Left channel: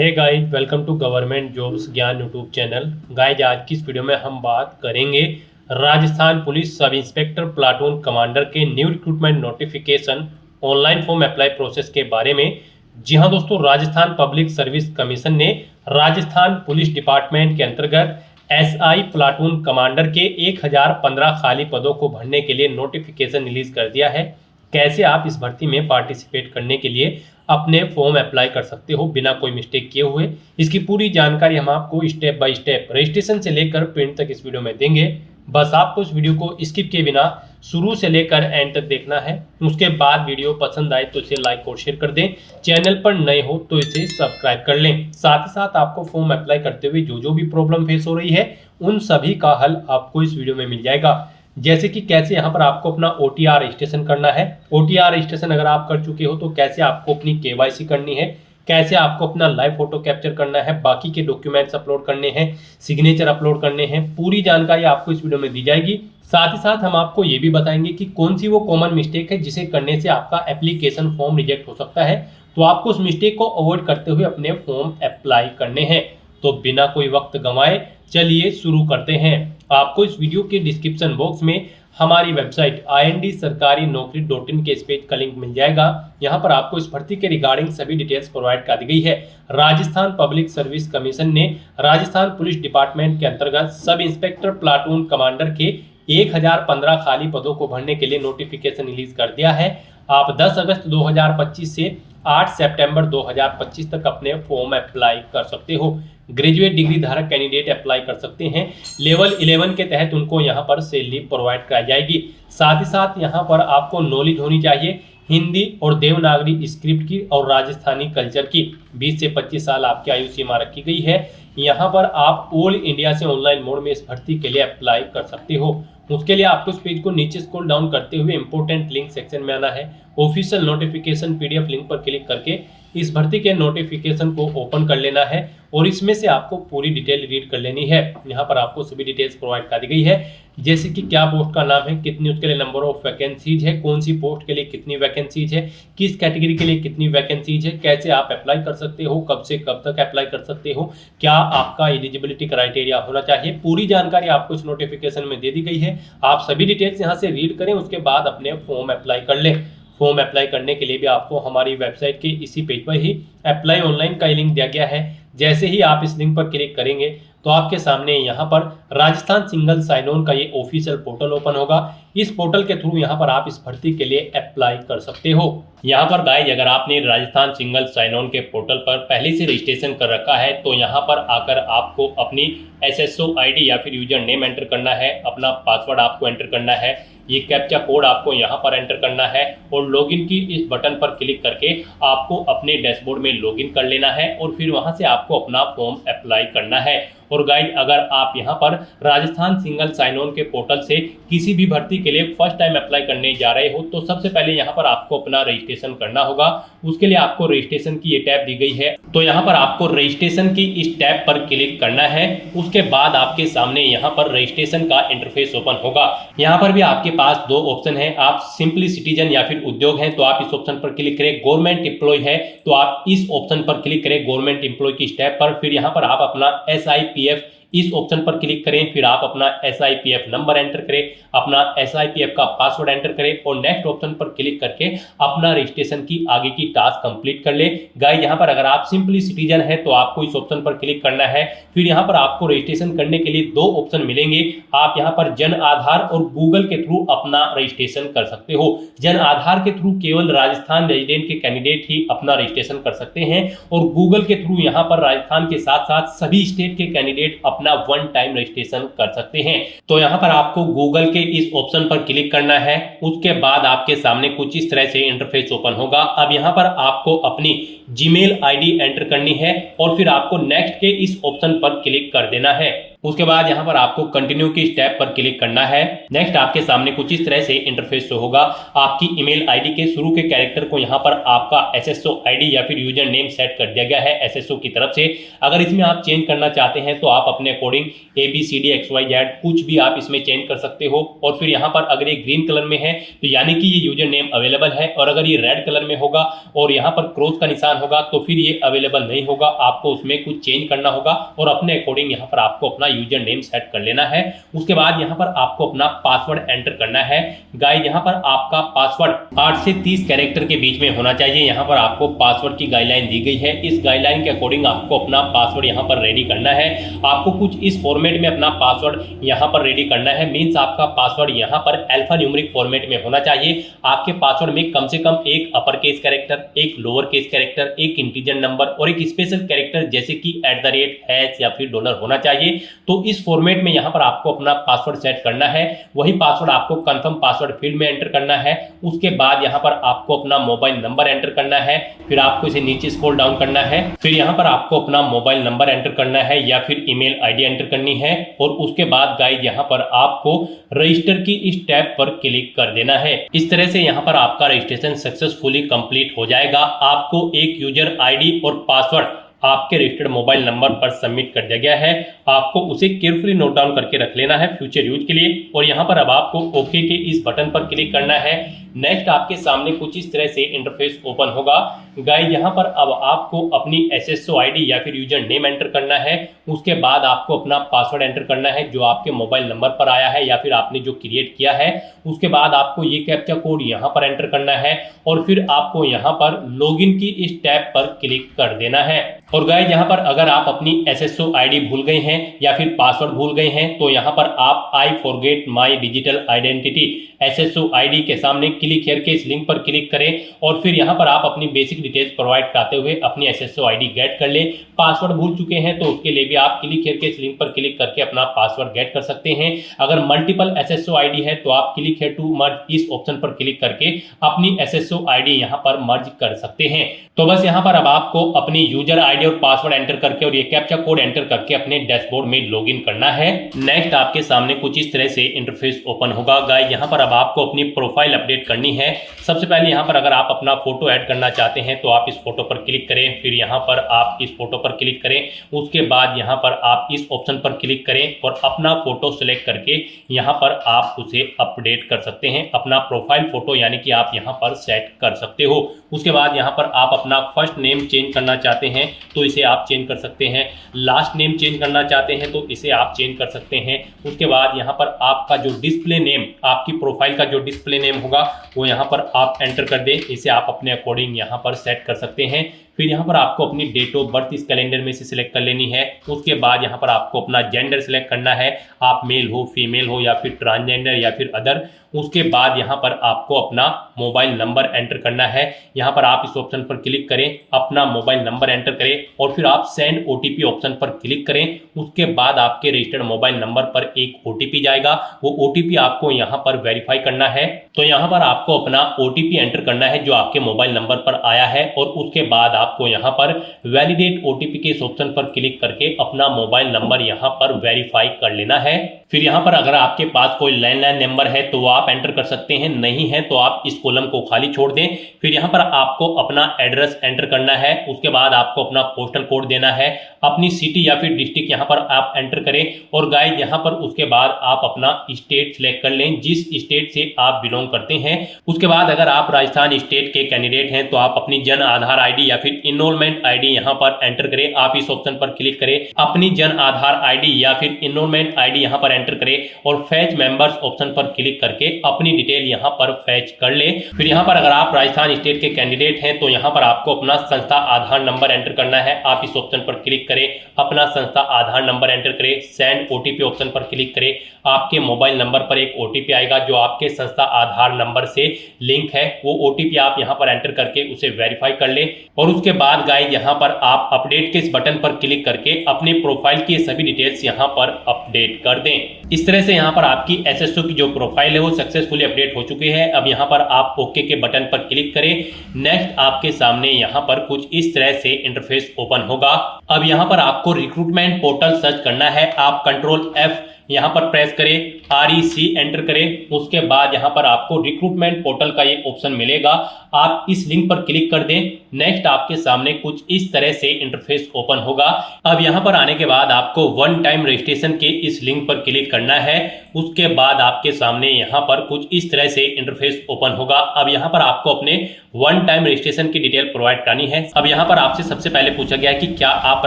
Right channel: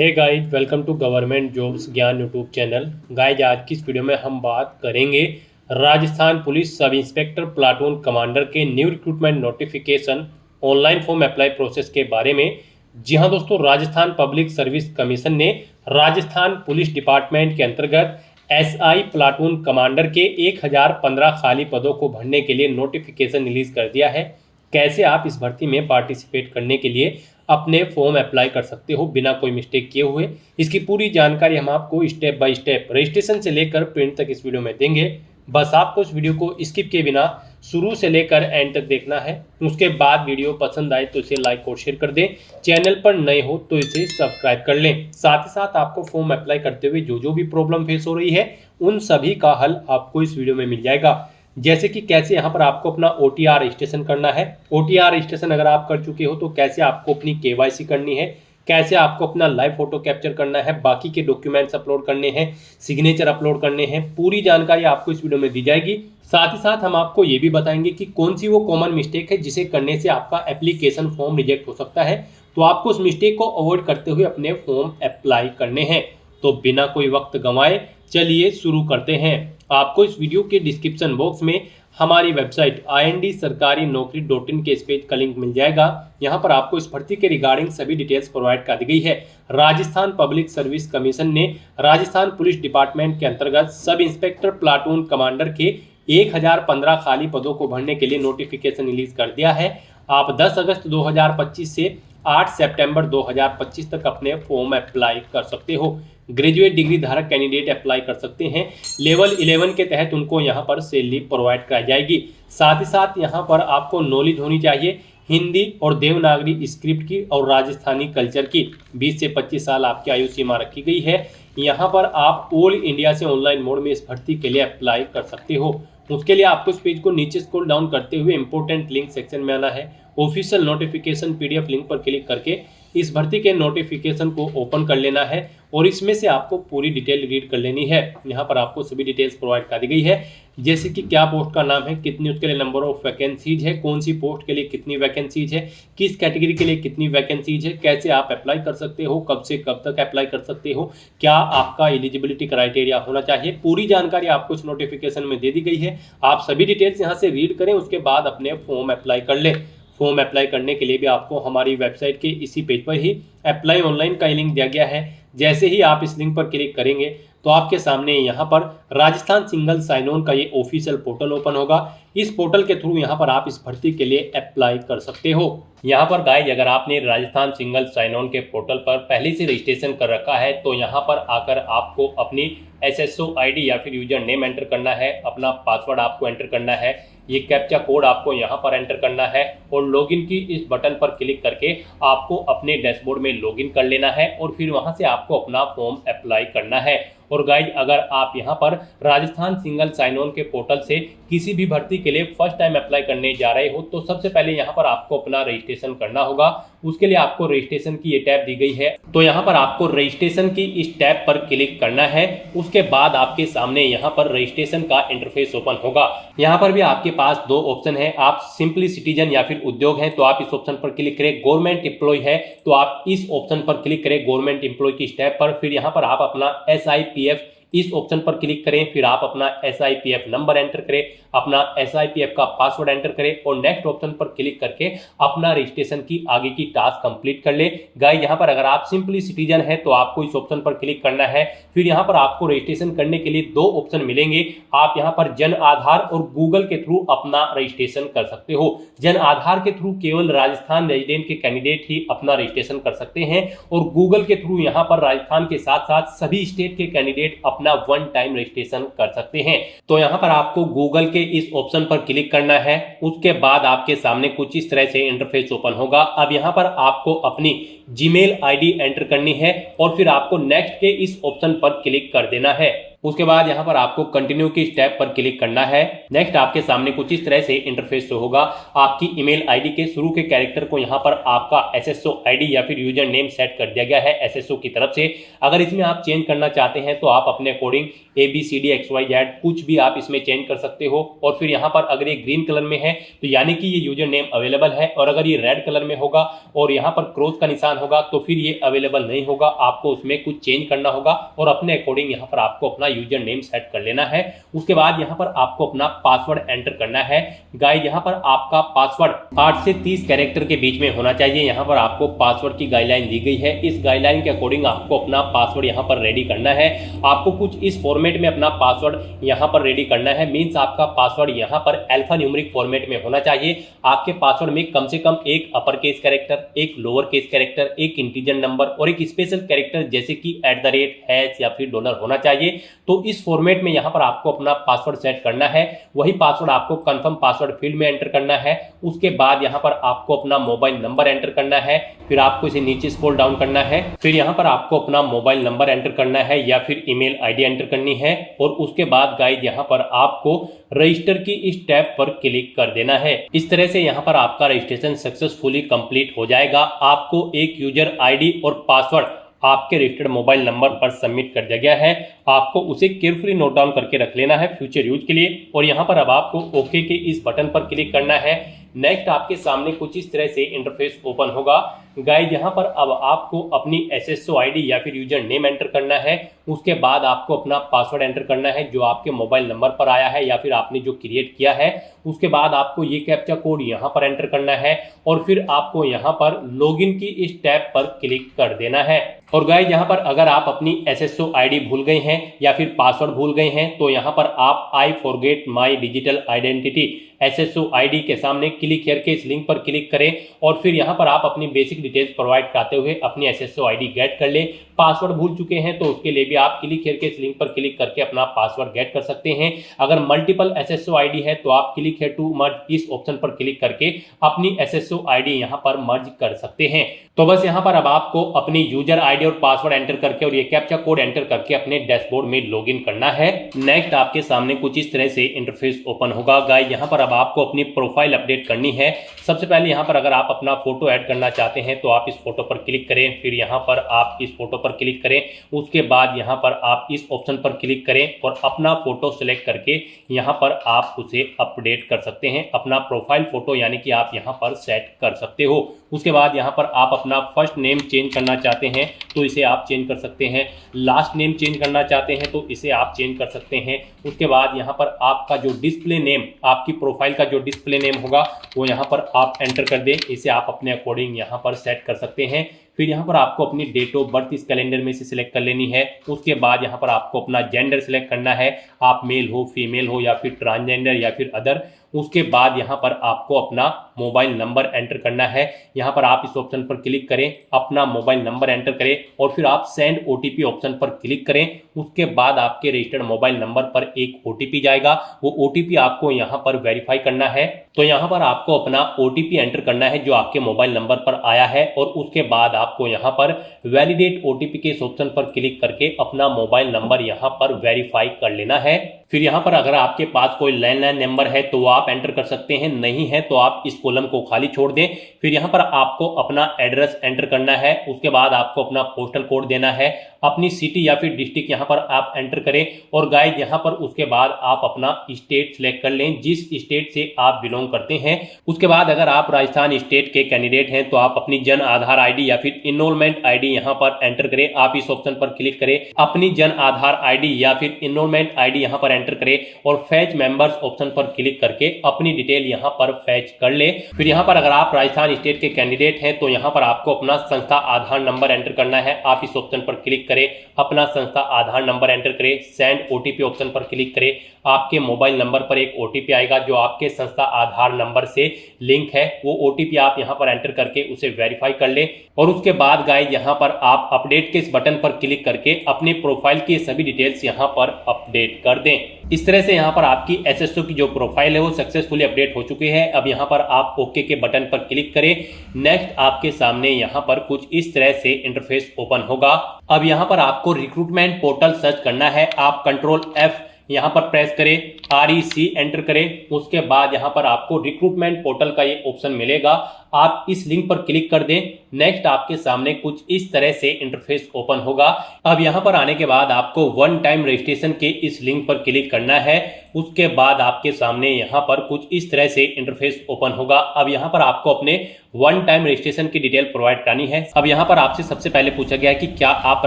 Hey guys, welcome to government jobs Gyan YouTube channel. Guys, आज की इस वीडियो में हम बात करेंगे Rajasthan police sub inspector platoon commander के new recruitment notification online form apply process के बारे में। जी हां दोस्तों, राजस्थान पब्लिक सर्विस कमीशन ने राजस्थान पुलिस डिपार्टमेंट के अंतर्गत एसआई प्लाटून कमांडर के 1015 खाली पदों को भरने के लिए नोटिफिकेशन रिलीज कर दिया है। कैसे आप इस भर्ती में पार्टिसिपेट करने के लिए अपने फॉर्म अप्लाई कर सकते हो बिना कोई मिस्टेक किए हुए, इसकी पूरी जानकारी हम आपको स्टेप बाय स्टेप रजिस्ट्रेशन से लेकर प्रिंट तक इस वीडियो में देंगे। बस आपको इस वीडियो को स्किप किए बिना शुरू से लेकर एंड तक देखना है। उसके बाद वीडियो पसंद आए तो इसे लाइक और शेयर कर दें। चैनल पर नए हो तो इसे सब्सक्राइब कर लें। साथ ही साथ आपको फॉर्म अप्लाई करते हुए जो भी प्रॉब्लम फेस हो रही है उन सभी का हल आपको इस वीडियो में मिल जाएगा। जैसे कि कैसे यहाँ पर आपको अपना OTR रजिस्ट्रेशन करना है। OTR रजिस्ट्रेशन अगर आप कर चुके हो तो कैसे आपको अपनी KYC करनी है, कैसे आपको अपना लाइव फोटो कैप्चर करना है, बाकी के डॉक्यूमेंट्स अपलोड करने हैं, सिग्नेचर अपलोड करने हैं, पूरी जानकारी आपको इस वीडियो में दी जाएगी। साथ ही साथ हम आपको ये भी बताएंगे कि कौन सी वो कॉमन मिस्टेक है जिसे करने से आपका एप्लीकेशन फॉर्म रिजेक्ट हो सकता है, तो आपको उस मिस्टेक को अवॉइड करते हुए अपने फॉर्म अप्लाई करने हैं। तो बिना कोई वक्त गंवाए चलिए शुरू करते हैं। आपको इस वीडियो के डिस्क्रिप्शन बॉक्स में हमारी वेबसाइट IND-sarkari-naukri.in के इस पेज का लिंक मिल जाएगा। यहाँ पर आपको इस भर्ती के रिगार्डिंग सभी डिटेल्स प्रोवाइड कर दी गई है। राजस्थान पब्लिक सर्विस कमीशन ने राजस्थान पुलिस डिपार्टमेंट के अंतर्गत सब इंस्पेक्टर प्लाटून कमांडर के 1015 खाली पदों को भरने के लिए नोटिफिकेशन रिलीज कर दिया है। आप 10 अगस्त 2025 से 8 सितंबर 2025 तक अपने फॉर्म अप्लाई कर सकते हो। ग्रेजुएट डिग्री धारक कैंडिडेट अप्लाई कर सकते हैं। लेवल 11 के तहत उनको यहाँ पर सैलरी प्रोवाइड कराई जाएगी। साथ ही साथ यहाँ पर आपको नॉलेज होनी चाहिए हिंदी और देवनागरी स्क्रिप्ट की और राजस्थानी कल्चर की। 20 से 25 साल आपकी आयु सीमा रखी गई है। यहाँ पर आप ऑल इंडिया से ऑनलाइन मोड में इस भर्ती के लिए अप्लाई कर सकते हो। उसके लिए आपको इस पेज को नीचे स्क्रॉल डाउन करते हुए इंपॉर्टेंट लिंक सेक्शन में आना है। ऑफिशियल नोटिफिकेशन PDF लिंक पर क्लिक करके इस भर्ती के नोटिफिकेशन को ओपन कर लेना है और इसमें से आपको पूरी डिटेल रीड कर लेनी है। यहाँ पर आपको सभी डिटेल्स प्रोवाइड कर दी गई है, जैसे कि क्या पोस्ट का नाम है, कितनी उसके लिए नंबर ऑफ वैकेंसीज है, कौन सी पोस्ट के लिए कितनी वैकेंसीज है, किस कैटेगरी के लिए कितनी वैकेंसीज है, कैसे आप अप्लाई कर सकते हो, कब से कब तक अप्लाई कर सकते हो, क्या आपका एलिजिबिलिटी क्राइटेरिया होना चाहिए। पूरी जानकारी आपको इस नोटिफिकेशन में दे दी गई है। आप सभी डिटेल्स यहाँ से रीड करें, उसके बाद अपने फॉर्म अप्लाई कर लें। फॉर्म अप्लाई करने के लिए भी आपको हमारी वेबसाइट के इसी पेज पर ही अप्लाई ऑनलाइन का लिंक दिया गया है। जैसे ही आप इस लिंक पर क्लिक करेंगे तो आपके सामने यहाँ पर राजस्थान सिंगल साइन ऑन का ये ऑफिशियल पोर्टल ओपन होगा। इस पोर्टल के थ्रू यहाँ पर आप इस भर्ती के लिए अप्लाई कर सकते हो। यहाँ पर गाइस, अगर आपने राजस्थान सिंगल साइन ऑन के पोर्टल पर पहले से रजिस्ट्रेशन कर रखा है तो यहाँ पर आकर आपको अपनी SSO ID या फिर यूजर नेम एंटर करना है, अपना पासवर्ड आपको एंटर करना है, ये कैप्चा कोड आपको यहाँ पर एंटर करना है और लॉगिन की इस बटन पर क्लिक करके आपको अपने डैशबोर्ड में लॉगिन कर लेना है और फिर वहां से आपको अपना फॉर्म अप्लाई करना है। और गाइस, अगर आप यहाँ पर राजस्थान सिंगल साइन ऑन के पोर्टल से किसी भी भर्ती के लिए फर्स्ट टाइम अप्लाई करने जा रहे हो तो सबसे पहले यहाँ पर आपको अपना रजिस्ट्रेशन करना होगा। उसके लिए आपको रजिस्ट्रेशन की ये टैब दी गई है, तो यहाँ पर आपको रजिस्ट्रेशन की इस टैब पर क्लिक करना है। उसके बाद आपके सामने यहाँ पर रजिस्ट्रेशन का इंटरफेस ओपन होगा। यहाँ पर भी आपके पास दो ऑप्शन है, आप सिंपली सिटीजन या फिर उद्योग है तो आप इस ऑप्शन पर क्लिक करें, गवर्नमेंट एम्प्लॉय है तो आप इस ऑप्शन पर क्लिक करें गवर्नमेंट एम्प्लॉय की टैब पर। फिर यहाँ पर आप अपना SIPF इस ऑप्शन पर क्लिक करें, फिर आप अपना SIPF नंबर एंटर करें, अपना SIPF का पासवर्ड एंटर करें और नेक्स्ट ऑप्शन पर क्लिक करके अपना रजिस्ट्रेशन की आगे की टास्क कंप्लीट कर ले। गाइस, यहाँ पर अगर आप सिंपली सिटीजन है तो आपको इस ऑप्शन पर क्लिक करना है। फिर यहाँ पर आपको रजिस्ट्रेशन करने के लिए दो ऑप्शन मिलेंगे। आप यहाँ पर जन आधार और गूगल के थ्रू अपना रजिस्ट्रेशन कर सकते हो। जन आधार के थ्रू केवल राजस्थान रेजिडेंट के कैंडिडेट ही अपना रजिस्ट्रेशन कर सकते हैं और गूगल के थ्रू यहाँ पर राजस्थान के साथ साथ सभी स्टेट के कैंडिडेट अपना वन टाइम रजिस्ट्रेशन कर सकते हैं। तो यहाँ पर आपको गूगल के इस ऑप्शन पर क्लिक करना है। उसके बाद आपके सामने कुछ इस तरह से इंटरफेस ओपन होगा। अब यहाँ पर आपको अपनी जीमेल ID एंटर करनी है और फिर आपको नेक्स्ट के इस ऑप्शन पर क्लिक कर देना है। उसके बाद यहाँ पर आपको कंटिन्यू की स्टेप पर क्लिक करना है। नेक्स्ट आपके सामने कुछ इस तरह से इंटरफेस शो होगा। आपकी ईमेल आईडी के शुरू के कैरेक्टर को यहाँ पर आपका एसएसओ आईडी या फिर यूजर नेम सेट कर दिया गया है एसएसओ की तरफ से। अगर इसमें आप चेंज करना चाहते हैं तो आप अपने अकॉर्डिंग ABCDXYZ कुछ भी आप इसमें चेंज कर सकते हो। और फिर यहाँ पर अगर ये ग्रीन कलर में है तो यानी कि ये यूजर नेम अवेलेबल है, और अगर ये रेड कलर में होगा और यहाँ पर क्रॉस का निशान होगा तो फिर ये अवेलेबल नहीं होगा। आपको उसमें कुछ चेंज करना होगा और अपने अकॉर्डिंग यहाँ पर आपको अपना यूजर नेम सेट कर लेना है। उसके बाद यहाँ पर आपको अपना पासवर्ड एंटर करना है। गाइस यहाँ पर आपका पासवर्ड 8 से 30 कैरेक्टर के बीच में होना चाहिए। यहाँ पर आपको पासवर्ड की गाइडलाइन दी गई है। इस गाइडलाइन के अकॉर्डिंग आपको अपना पासवर्ड यहाँ पर रेडी करना है। आपको कुछ इस फॉर्मेट में अपना पासवर्ड यहाँ पर रेडी करना है। मीन्स आपका पासवर्ड यहाँ पर अल्फा न्यूमेरिक फॉर्मेट में होना चाहिए। आपके पासवर्ड में कम से कम एक अपर केस कैरेक्टर, एक लोअर केस कैरेक्टर, एक इंटीजर नंबर और एक स्पेशल कैरेक्टर जैसे कि @ या फिर डॉलर होना चाहिए। तो इस फॉर्मेट में यहाँ पर आपको अपना पासवर्ड सेट करना है। वही पासवर्ड आपको कंफर्म पासवर्ड फील्ड में एंटर करना है। उसके बाद यहाँ पर आपको अपना मोबाइल नंबर एंटर करना है। फिर आपको इसे नीचे स्क्रॉल डाउन करना है। फिर यहाँ पर आपको अपना मोबाइल नंबर एंटर करना है या फिर ईमेल आईडी एंटर करनी है। और उसके बाद गाइस यहाँ पर आपको रजिस्टर की इस टैब पर क्लिक कर देना है। इस तरह से यहाँ पर आपका रजिस्ट्रेशन सक्सेसफुली कंप्लीट हो जाएगा। आपको एक यूजर आईडी और पासवर्ड आपके रजिस्टर्ड मोबाइल नंबर पर सबमिट कर दिया गया है। आपको उसे केयरफुली नोट डाउन करके रख लेना है फ्यूचर यूज के लिए। और यहाँ पर अब आपको ओके के इस बटन पर क्लिक करना है। नेक्स्ट आपके सामने कुछ इस तरह से इंटरफेस ओपन होगा। गाइस यहाँ पर अब आपको अपनी एसएसओ आईडी या फिर यूजर नेम एंटर करना है। उसके बाद आपको अपना पासवर्ड एंटर करना है जो आपके मोबाइल नंबर पर आया है या फिर आपने जो क्रिएट किया है। उसके बाद आपको ये कैप्चा कोड यहाँ पर एंटर करना है और फिर आपको यहाँ पर लॉगिन की इस टैब पर क्लिक कर देना है। और गाइस यहाँ पर अगर आप अपनी एसएसओ आईडी भूल गए हैं या फिर पासवर्ड भूल गए हैं तो यहाँ पर आप I forget my digital identity SSO ID के सामने क्लिक हियर के इस लिंक पर क्लिक करें और फिर यहाँ पर आप अपनी बेसिक डिटेल्स प्रोवाइड कराते हुए अपनी एसएसओ आईडी गेट कर लें। पासवर्ड भूल चुके हैं तो उसके लिए भी आप क्लिक हियर के इस लिंक पर क्लिक करके अपना पासवर्ड गेट कर सकते हैं। अगर मल्टीपल एसएसओ आईडी है तो आप क्लिक हियर टू मर्ज इस ऑप्शन पर क्लिक करके अपनी एसएसओ आईडी यहाँ पर मर्ज कर सकते हैं। तो बस यहाँ पर अब आपको अपनी यूजर आईडी और पासवर्ड एंटर करके और ये कैप्चा कोड एंटर करके अपने डैशबोर्ड में लॉगिन करना है। नेक्स्ट आपके सामने कुछ इस तरह से इंटरफेस ओपन होगा। गाइस यहाँ पर अब आपको अपनी प्रोफाइल अपडेट करनी है। सबसे पहले यहाँ पर अगर आप अपना फोटो ऐड करना चाहते हैं तो आप इस फोटो पर क्लिक करें। फिर यहाँ पर आप इस फोटो पर क्लिक करें। उसके बाद यहाँ पर आप इस ऑप्शन पर क्लिक करें और अपना फोटो सिलेक्ट करके यहाँ पर आप उसे अपडेट कर सकते हैं। अपना प्रोफाइल फोटो यानी कि आप यहाँ पर सेट कर सकते हो। उसके बाद यहाँ पर आप अपना फर्स्ट नेम चेंज करना चाहते हैं तो इसे आप चेंज कर सकते हैं। लास्ट नेम चेंज करना चाहते हैं तो इसे आप चेंज कर सकते हैं। उसके बाद यहाँ पर आपका जो डिस्प्ले नेम, आपकी प्रोफाइल का जो डिस्प्ले नेम होगा वो यहाँ पर आप एंटर कर दें। इसे आप अपने अकॉर्डिंग यहाँ पर सेट कर सकते हैं। फिर यहाँ पर आपको अपनी डेट ऑफ बर्थ इस कैलेंडर में से सिलेक्ट कर लेनी है। उसके बाद यहाँ पर आपको अपना जेंडर सिलेक्ट करना है, आप मेल हो, फीमेल हो या फिर ट्रांसजेंडर या फिर अदर। उसके बाद यहाँ पर आपको अपना मोबाइल नंबर एंटर करना है। यहाँ पर आप इस ऑप्शन पर क्लिक करें, अपना मोबाइल नंबर एंटर करें और फिर आप सेंड ओटीपी ऑप्शन पर क्लिक करें। उसके बाद आपके रजिस्टर्ड मोबाइल नंबर पर एक ओटीपी जाएगा। वो ओटीपी आपको यहाँ पर वेरीफाई करना है। तो यहाँ पर आपको अपना ओटीपी एंटर करना है जो आपके मोबाइल नंबर पर आया है और उसके बाद आपको यहाँ पर वैलिडेट ओटीपी के इस ऑप्शन पर क्लिक करके अपना मोबाइल नंबर यहाँ पर वेरीफाई कर लेना है। फिर यहाँ पर अगर आपके पास कोई लैंडलाइन नंबर है तो आप एंटर कर सकते हैं, नहीं है तो आप इस कॉलम को खाली छोड़ दें। फिर यहाँ पर आपको अपना एड्रेस एंटर करना है। उसके बाद आपको अपना पोस्टल कोड देना है, अपनी सिटी या फिर डिस्ट्रिक्ट यहाँ पर आप एंटर करें। और गाइस यहाँ पर उसके बाद आप अपना स्टेट सिलेक्ट कर लें, जिस स्टेट से आप बिलोंग करते हैं। उसके बाद अगर आप राजस्थान स्टेट के कैंडिडेट हैं तो आप अपनी जन आधार आईडी या फिर इनरोलमेंट आईडी यहाँ पर एंटर करें। आप इस ऑप्शन पर क्लिक करें, अपनी जन आधार आईडी या फिर इनरोलमेंट आईडी यहाँ पर एंटर करें और फैच मेंबर्स ऑप्शन पर क्लिक करके अपनी डिटेल यहाँ पर फैच कर ले। फिर यहाँ पर अगर आप राजस्थान स्टेट के कैंडिडेट हैं तो यहाँ पर आपको अपना संस्था आधार नंबर एंटर करना है। आप इस ऑप्शन पर क्लिक करें, अपना संस्था आधार नंबर एंटर करें, सेंड ओटीपी ऑप्शन पर क्लिक करें, आपके मोबाइल नंबर पर एक OTP आएगा जो आपके संस्था आधार नंबर से लिंक है। वो OTP आप यहाँ पर एंटर करके उसे वेरीफाई कर ले और उसके बाद गाइस यहाँ पर आप अपडेट के इस बटन पर क्लिक करके अपनी प्रोफाइल की सभी डिटेल्स यहाँ पर अपडेट कर दें। इस तरह से यहाँ पर आपकी SSO की जो प्रोफाइल है वो सक्सेसफुली अपडेट हो चुकी है। अब यहाँ पर आप ओके के बटन पर क्लिक करें। नेक्स्ट आपके सामने यहाँ पर कुछ इस तरह से इंटरफेस ओपन होगा। अब यहाँ पर आपको रिक्रूटमेंट पोर्टल सर्च करना है। आप कंट्रोल F यहाँ पर प्रेस करें, REC एंटर करें। उसके बाद यहाँ पर आपको रिक्रूटमेंट पोर्टल का ये ऑप्शन मिलेगा। आप इस लिंक पर क्लिक कर दें। नेक्स्ट आपके सामने कुछ इस तरह से इंटरफेस ओपन होगा। अब यहाँ पर आने के बाद आपको वन टाइम रजिस्ट्रेशन के इस लिंक पर क्लिक करना है। उसके बाद आपके सामने यहाँ पर कुछ इस तरह से इंटरफेस ओपन होगा। अब यहाँ पर आपको अपने वन टाइम रजिस्ट्रेशन की डिटेल प्रोवाइड करनी है। अब यहाँ पर आपसे सबसे पहले पूछा गया है कि क्या आप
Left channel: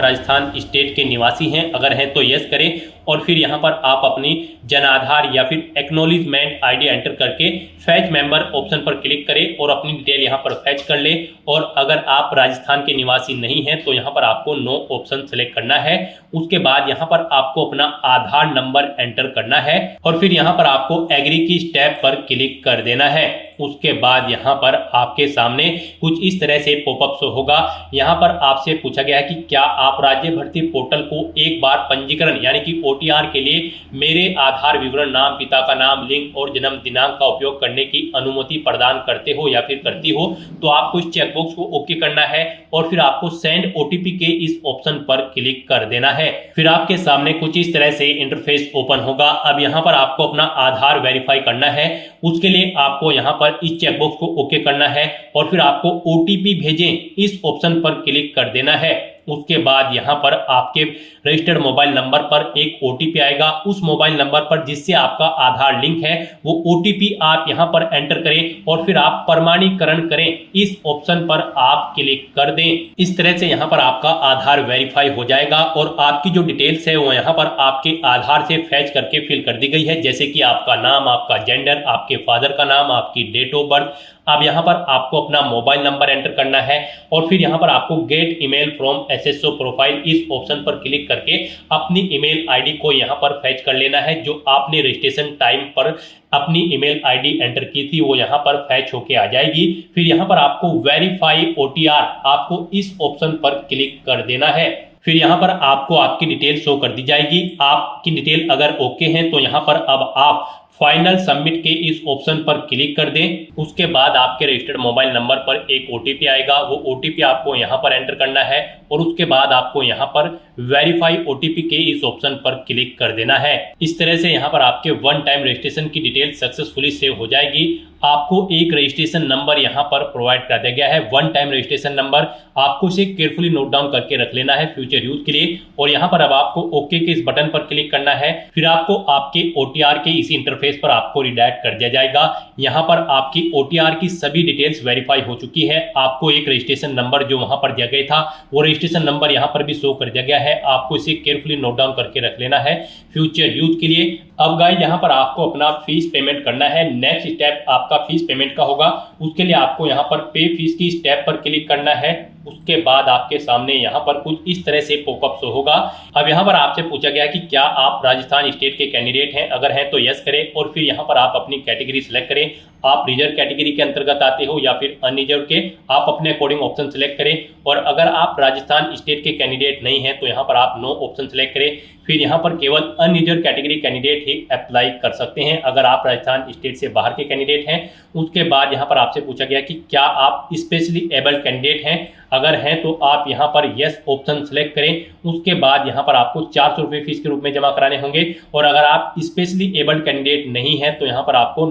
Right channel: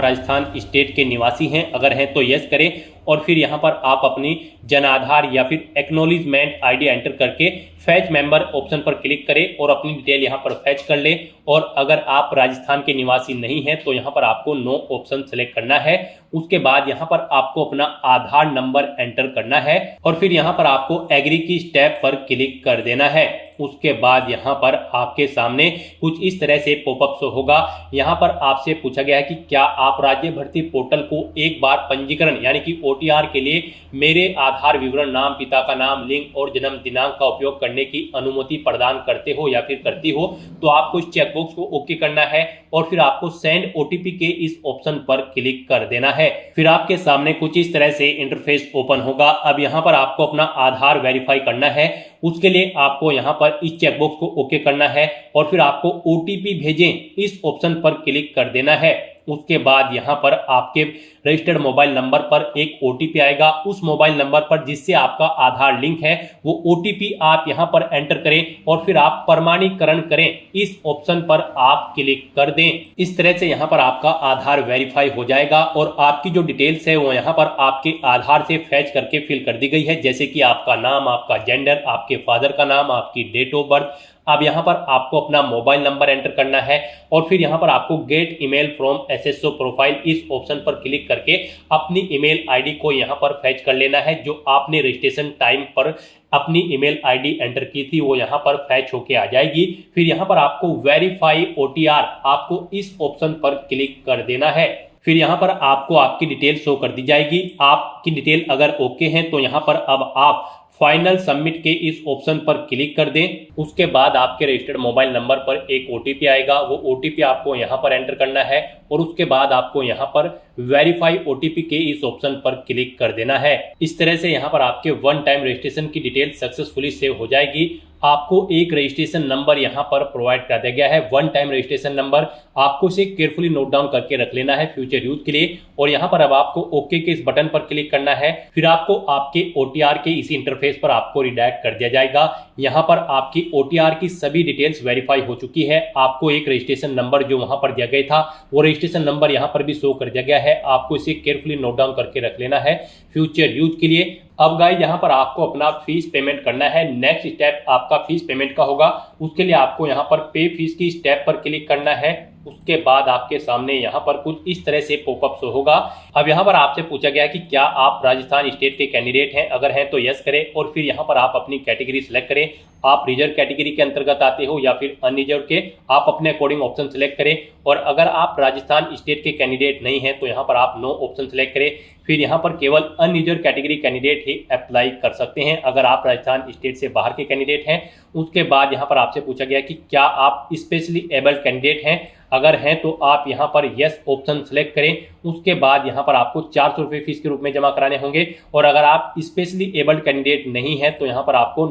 राजस्थान स्टेट के निवासी हैं, अगर हैं तो यस करें और फिर यहाँ पर आप अपनी जन आधार या फिर एक्नॉलेजमेंट ID एंटर करके फैच मेंबर ऑप्शन पर क्लिक करें और अपनी डिटेल यहाँ पर फैच कर ले। और अगर आप राजस्थान के निवासी नहीं हैं तो यहाँ पर आपको नो ऑप्शन सेलेक्ट करना है। उसके बाद यहाँ पर आपको अपना आधार नंबर एंटर करना है और फिर यहाँ पर आपको एग्री की स्टेप पर क्लिक कर देना है। उसके बाद यहाँ पर आपके सामने कुछ इस तरह से पॉपअप शो होगा। यहाँ पर आपसे पूछा गया है कि क्या आप राज्य भर्ती पोर्टल को एक बार पंजीकरण यानी कि OTR के लिए मेरे आधार विवरण, नाम, पिता का नाम, लिंग और जन्म दिनांक का उपयोग करने की अनुमति प्रदान करते हो या फिर करती हो। तो आपको इस चेकबॉक्स को ओके करना है और फिर आपको सेंड OTP के इस ऑप्शन पर क्लिक कर देना है। फिर आपके सामने कुछ इस तरह से इंटरफेस ओपन होगा। अब यहाँ पर आपको अपना आधार वेरीफाई करना है। उसके लिए आपको यहाँ पर इस चेकबॉक्स को ओके करना है और फिर आपको OTP भेजें इस ऑप्शन पर क्लिक कर देना है। उसके बाद यहाँ पर आपके रजिस्टर्ड मोबाइल नंबर पर एक OTP आएगा। उस मोबाइल नंबर पर जिससे आपका आधार लिंक है वो OTP आप यहाँ पर एंटर करें और फिर आप प्रमाणीकरण करें इस ऑप्शन पर आप क्लिक कर दें। इस तरह से यहाँ पर आपका आधार वेरीफाई हो जाएगा और आपकी जो डिटेल्स है वो यहाँ पर आपके आधार से फैच करके फिल कर दी गई है, जैसे कि आपका नाम, आपका जेंडर, आपके फादर का नाम, आपकी डेट ऑफ बर्थ। अब यहाँ पर आपको अपना मोबाइल नंबर एंटर करना है और फिर यहाँ पर आपको gate email from SSO profile इस ऑप्शन पर क्लिक करके अपनी ईमेल ID को यहाँ पर फैच कर लेना है। जो आपने रजिस्ट्रेशन टाइम पर अपनी ईमेल ID एंटर की थी वो यहाँ पर फैच होके आ जाएगी। फिर यहाँ पर आपको वेरीफाई OTR आपको इस ऑप्शन पर क्लिक कर देना है। फिर यहाँ पर आपको आपकी डिटेल शो कर दी जाएगी। आपकी डिटेल अगर ओके है तो यहाँ पर अब आप फाइनल सबमिट के इस ऑप्शन पर क्लिक कर दें। उसके बाद आपके रजिस्टर्ड मोबाइल नंबर पर एक OTP आएगा। वो OTP आपको यहाँ पर एंटर करना है और उसके बाद आपको यहाँ पर वेरीफाई OTP के इस ऑप्शन पर क्लिक कर देना है। इस तरह से यहाँ पर आपके वन टाइम रजिस्ट्रेशन की डिटेल सक्सेसफुली सेव हो जाएगी। आपको एक रजिस्ट्रेशन नंबर यहाँ पर प्रोवाइड कर दिया गया है, वन टाइम रजिस्ट्रेशन नंबर। आपको इसे केयरफुली नोट डाउन करके रख लेना है फ्यूचर यूज के लिए। और यहाँ पर अब आपको ओके के इस बटन पर क्लिक करना है। फिर आपको आपके OTR के इसी इंटरफेस पर आपको रिडायरेक्ट कर दिया जाएगा। यहाँ पर आपकी OTR की सभी डिटेल्स वेरीफाई हो चुकी है। आपको एक रजिस्ट्रेशन नंबर जो वहां पर दिया गया था वो रजिस्ट्रेशन नंबर यहाँ पर भी शो कर दिया गया है। आपको इसे केयरफुली नोट डाउन करके रख लेना है फ्यूचर यूज के लिए। अब गाइस यहाँ पर आपको अपना फीस पेमेंट करना है। नेक्स्ट स्टेप आपका फीस पेमेंट का होगा। उसके लिए आपको यहाँ पर पे फीस की स्टेप पर क्लिक करना है। उसके बाद आपके सामने यहाँ पर कुछ इस तरह से पॉपअप शो होगा। अब यहाँ पर आपसे पूछा गया कि क्या आप राजस्थान स्टेट के कैंडिडेट हैं, अगर हैं तो यस करें और फिर यहाँ पर आप अपनी कैटेगरी सिलेक्ट करें। आप रिजर्व कैटेगरी के अंतर्गत आते हो या फिर अनरिजर्व के, आप अपने अकॉर्डिंग ऑप्शन सिलेक्ट करें। और अगर आप राजस्थान स्टेट के कैंडिडेट नहीं हैं तो यहाँ पर आप नो ऑप्शन सिलेक्ट करें। फिर यहाँ पर केवल अनरिजर्व कैटेगरी कैंडिडेट ही अप्लाई कर सकते हैं अगर आप राजस्थान स्टेट से बाहर के कैंडिडेट हैं। उसके बाद यहाँ पर आपसे पूछा गया कि क्या आप स्पेशली एबल्ड कैंडिडेट हैं, अगर हैं तो आप यहाँ पर यस ऑप्शन सेलेक्ट करें। उसके बाद यहाँ पर आपको 400 रुपये फीस के रूप में जमा कराने होंगे। और अगर आप स्पेशली एबल्ड कैंडिडेट नहीं हैं तो यहाँ पर आपको